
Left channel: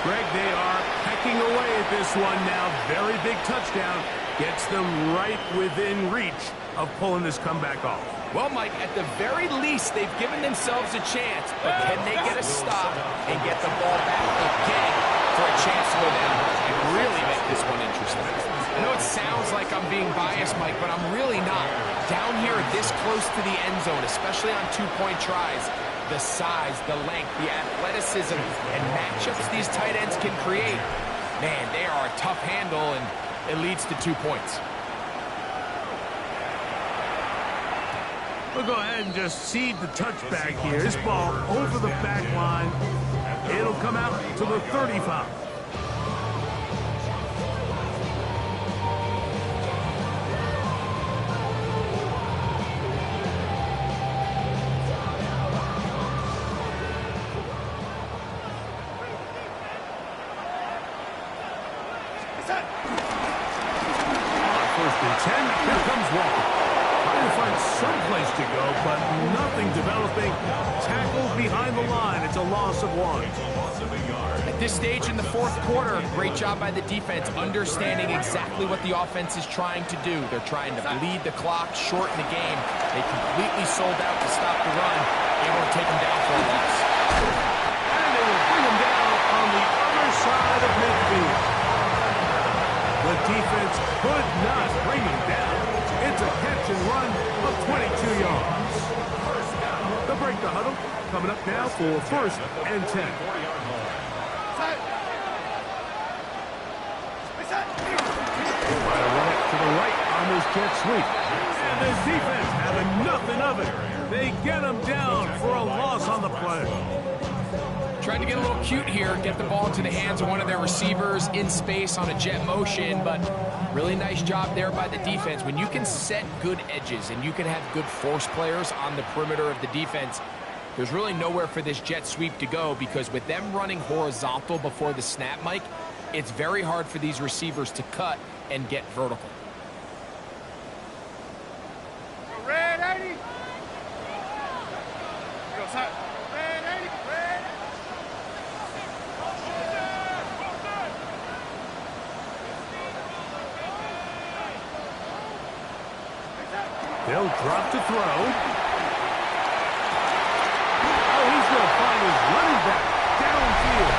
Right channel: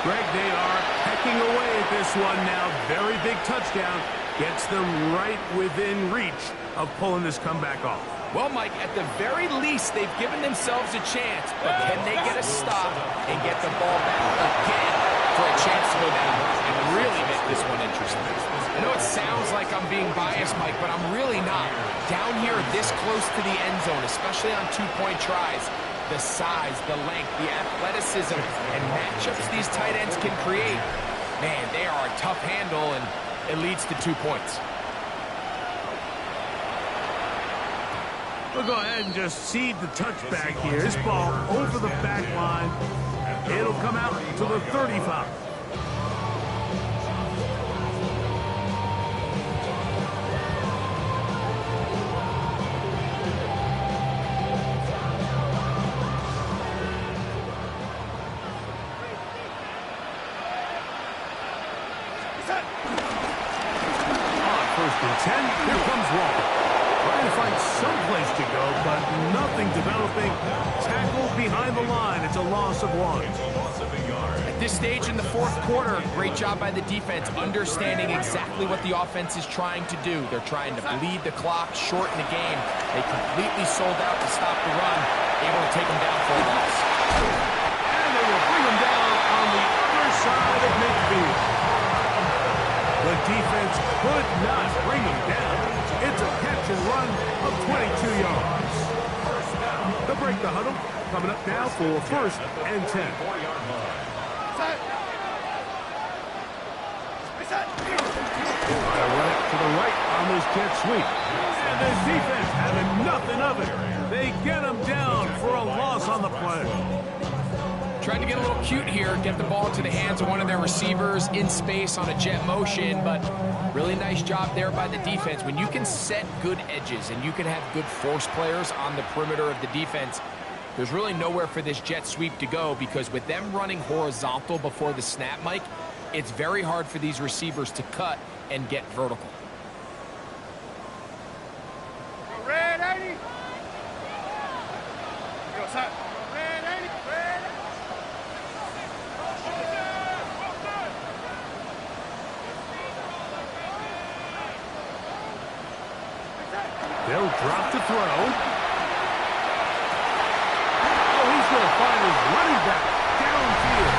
Greg, they are pecking away at this one now. Very big touchdown. Gets them right within reach of pulling this comeback off. Well, Mike, at the very least, they've given themselves a chance. But can they get a stop and get the ball back again for a chance to go down and really make this one interesting? I know it sounds like I'm being biased, Mike, but I'm really not. Down here this close to the end zone, especially on two-point tries, the size, the length, the athleticism, and matchups these tight ends can create, man, they are a tough handle, and it leads to 2 points. We'll go ahead and just cede the touchback here. This ball over the back line. It'll come out to the 35. On 1st and 10, here comes Walker. Trying to find some place to go, but nothing developing. Tackled behind the line. It's a loss of 1. At this stage in the 4th quarter, great job by the defense, understanding exactly what the offense is trying to do. They're trying to bleed the clock, shorten the game. They completely sold out to stop the run, able to take them down for a loss. And they will bring them down on the other side of midfield. The defense could not bring them down. It's a catch and run of 22 yards. They'll break the huddle. Coming up now for 1st and 10. Try to run it to the right on this jet sweep. And the defense having nothing of it. They get them down for a loss on the play. Trying to get a little cute here, get the ball into the hands of one of their receivers in space on a jet motion, but really nice job there by the defense. When you can set good edges and you can have good force players on the perimeter of the defense, there's really nowhere for this jet sweep to go, because with them running horizontal before the snap, Mike, it's very hard for these receivers to cut and get vertical. Red 80. Go, side. Red 80. Red 80. They'll drop to throw. Oh, he's going to find his running back downfield.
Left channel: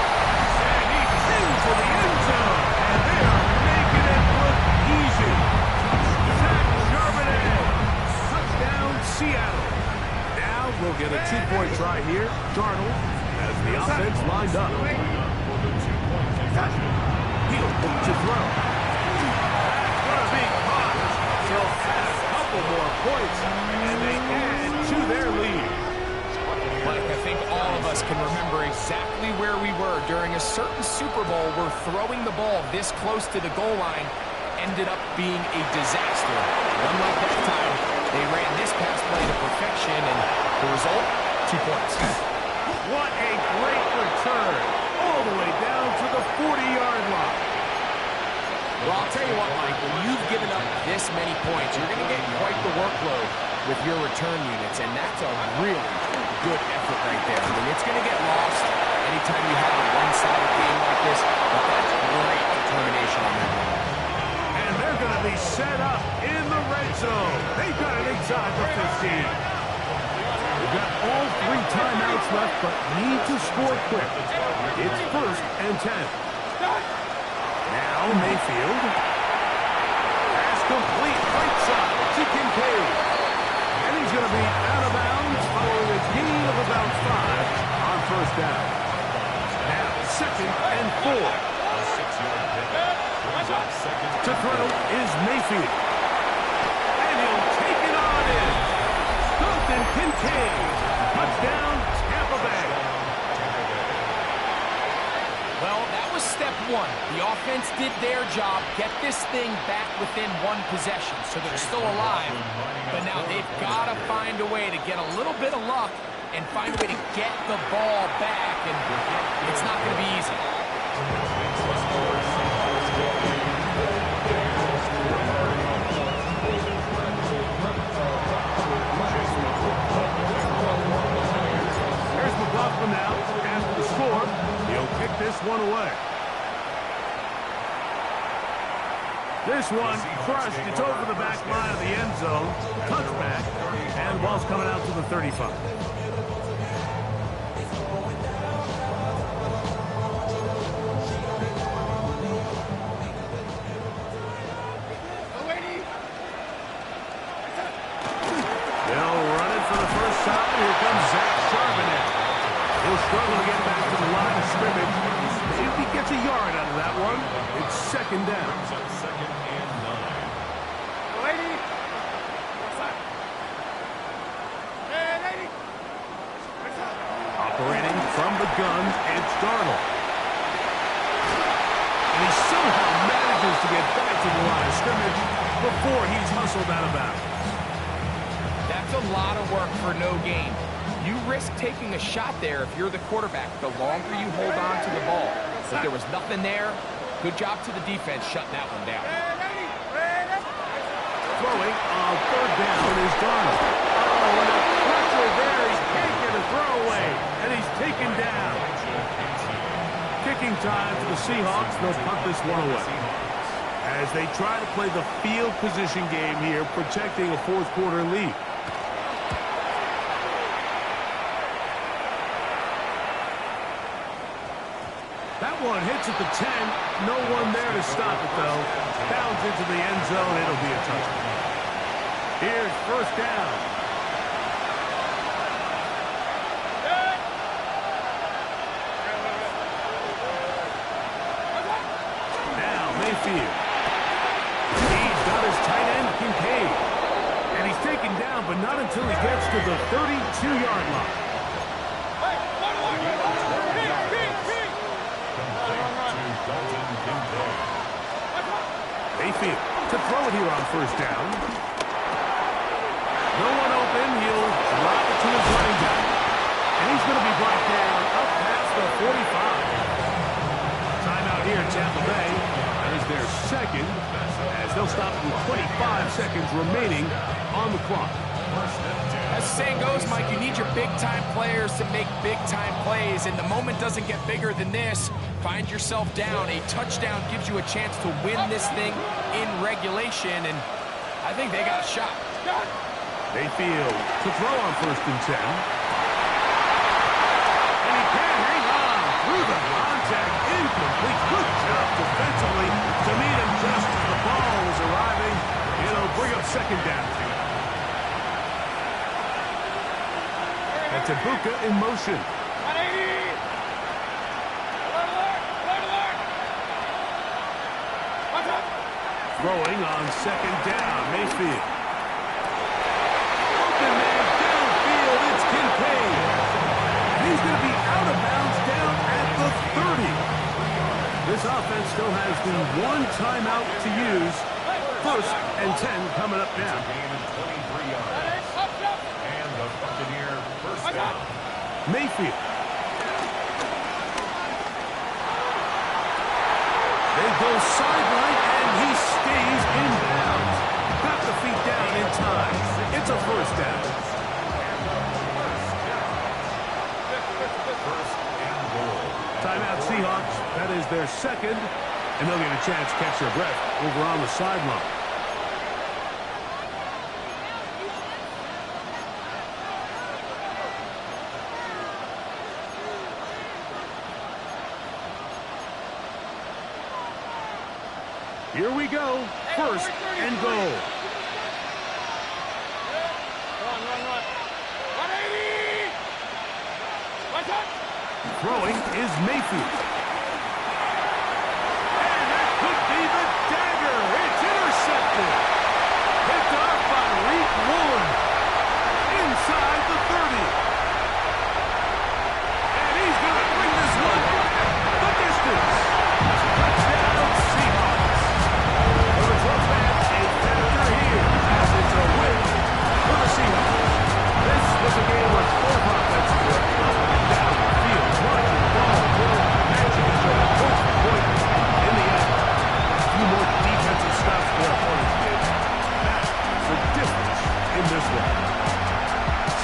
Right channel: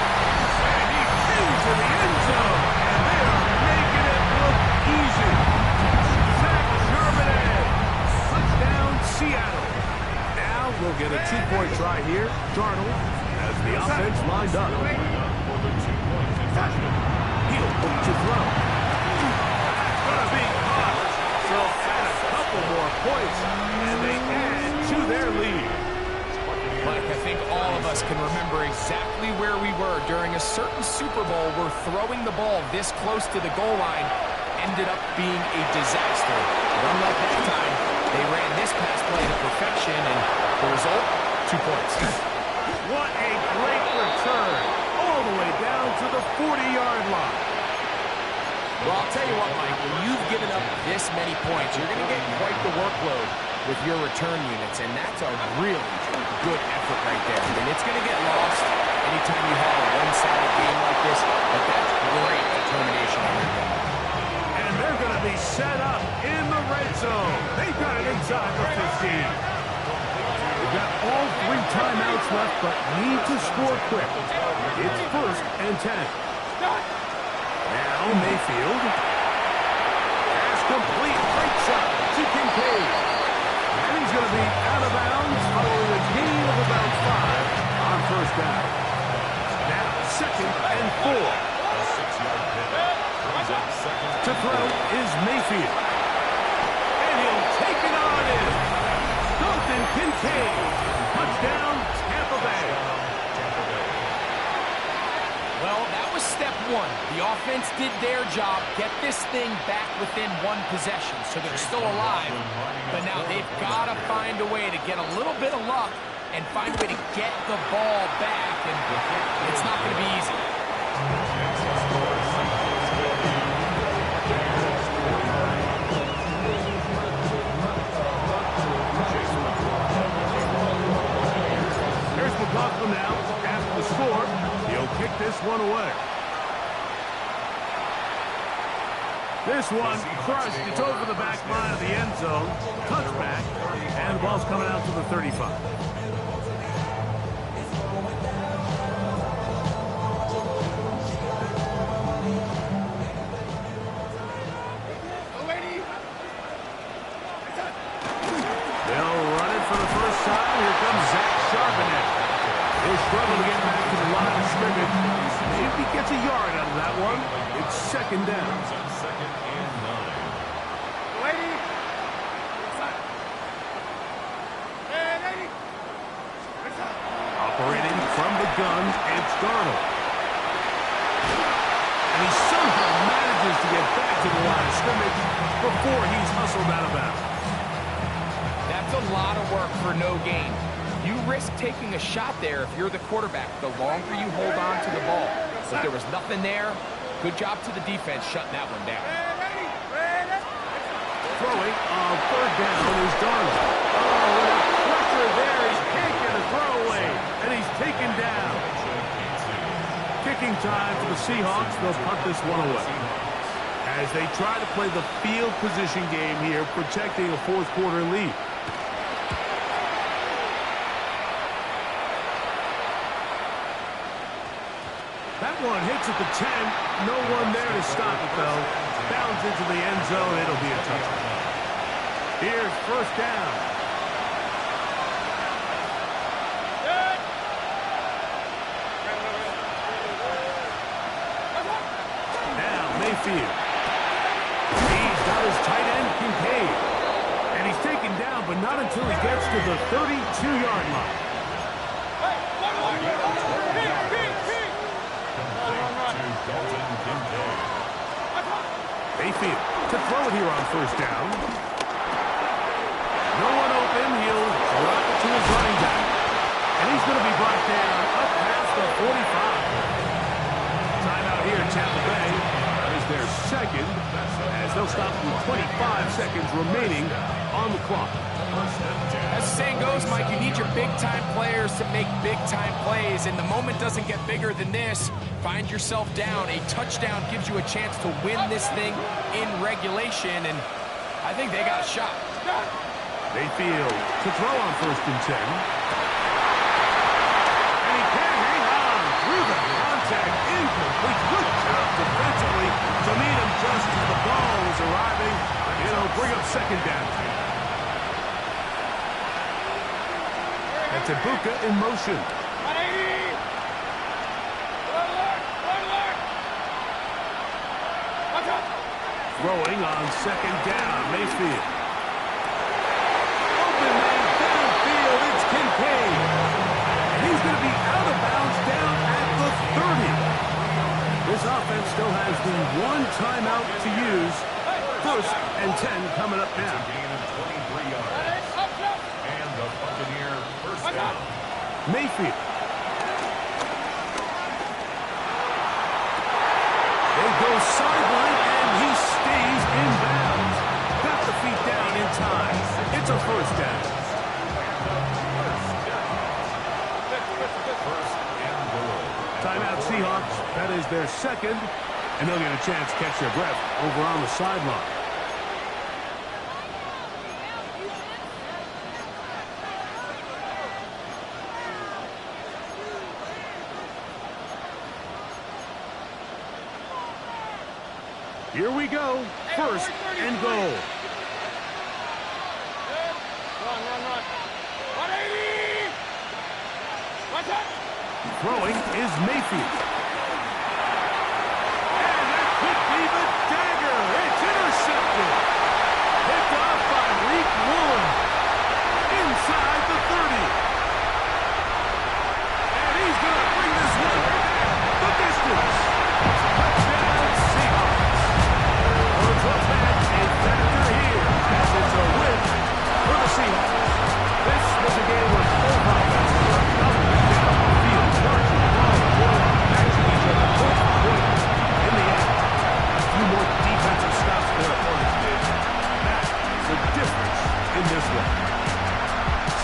And he's into the end zone. And they are making it look easy. Zach Charbonnet. Touchdown, Seattle. Now we'll get a 2-point try here. Darnold as the offense lined up. He'll look to throw. That's going to be caught. So add a couple more points, and they add to their lead. Mike, I think all of us can remember exactly where we were during a certain Super Bowl where throwing the ball this close to the goal line ended up being a disaster. But unlike that time, they ran this pass play to perfection, and the result, 2 points. What a great return, all the way down to the 40-yard line. Well, I'll tell you what, Mike, when you've given up this many points, you're going to get quite the workload with your return units, and that's a really good effort right there. I mean, it's going to get lost anytime you have a one-sided game like this, but that's great determination on their game. And they're going to be set up in the red zone. They've got it inside the 15. They've got all 3 timeouts left, but need to score quick. It's 1st and 10. Now Mayfield. Pass complete, right side to Kincaid. And he's going to be out of bounds following a gain of about 5 on 1st down. Now 2nd and 4. A 6-yard pickup. Brings up 2nd. To throw is Mayfield. And he'll take it on in. Dalton Kincaid. Touchdown, Tampa Bay. Well, that was step 1. The offense did their job, get this thing back within 1 possession, so they're still alive. But now they've got to find a way to get a little bit of luck and find a way to get the ball back, and it's not going to be easy. Here's McLaughlin now after the score. He'll kick this one away. This one crushed. It's over the back line of the end zone. Touchback. And the ball's coming out to the 35. They'll run it for the first time. Here comes Zach Charbonnet. He'll struggle to get back to the line of scrimmage. Maybe he gets a yard out of that one. It's second down. Second and 9. Lady. Operating from the gun, it's Darnold. And he somehow manages to get back to the line of scrimmage before he's hustled out of bounds. That's a lot of work for no gain. You risk taking a shot there if you're the quarterback the longer you hold on to the ball. If there was nothing there, good job to the defense shutting that one down. Throwing on third down is Darnold. Oh, and a pressure there. He can't get a throwaway, and he's taken down. Kicking time for the Seahawks. They'll punt this one away. As they try to play the field position game here, protecting a fourth quarter lead. That one hits at the 10. No one there to stop it, though. Bounds into the end zone. It'll be a touchdown. Here's first down. Now Mayfield. He's got his tight end, Kincaid. And he's taken down, but not until he gets to the 32-yard line. Mayfield to throw it here on first down. No one open. He'll drop it to his running back. And he's going to be brought down up past the 45. Timeout here in Tampa Bay. That is their second, as they'll stop with 25 seconds remaining on the clock. As the saying goes, Mike, you need your big-time players to make big-time plays, and the moment doesn't get bigger than this. Find yourself down. A touchdown gives you a chance to win this thing in regulation, and I think they got a shot. Mayfield to throw on first and 10. And he can't hang on through the contact. Incomplete. Good job defensively to meet him just as the ball was arriving. It'll bring up second down. That's Ibuka in motion. 180. Throwing on second down. Mayfield. Open man downfield. It's Kincaid. And he's going to be out of bounds down at the 30. This offense still has the one timeout to use. First and 10 coming up now. It's a gain of 23 yards. And the Buccaneer first down. Mayfield. They go sideline, and he stays in bounds. Got the feet down in time. It's a first down. First and goal. Timeout Seahawks. That is their second, and they'll get a chance to catch their breath over on the sideline. Here we go. First and goal. Run. 180. What's up? Throwing is Mayfield. And that could be the dagger. It's intercepted. Picked off by Reek Woolen. Inside the 30. And he's going to bring this one back the distance. Touchdown Seahawks. For the 12th man, a factor here as it's a win for the Seahawks. This was a game where both offenses were up and down the field, marching the ball until matching each other point for point. In the end, a few more defensive stops their opponents did. That's the difference in this one.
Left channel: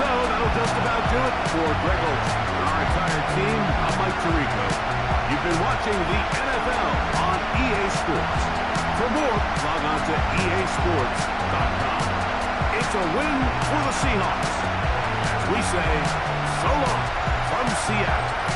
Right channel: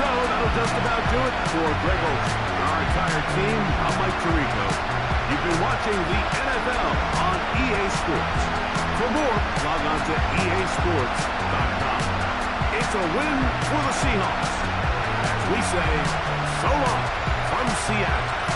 So that'll just about do it for Greg Olsen and our entire team. I'm Mike Mike Tirico. You've been watching the NFL on EA Sports. For more, log on to easports.com. It's a win for the Seahawks. As we say, so long from Seattle.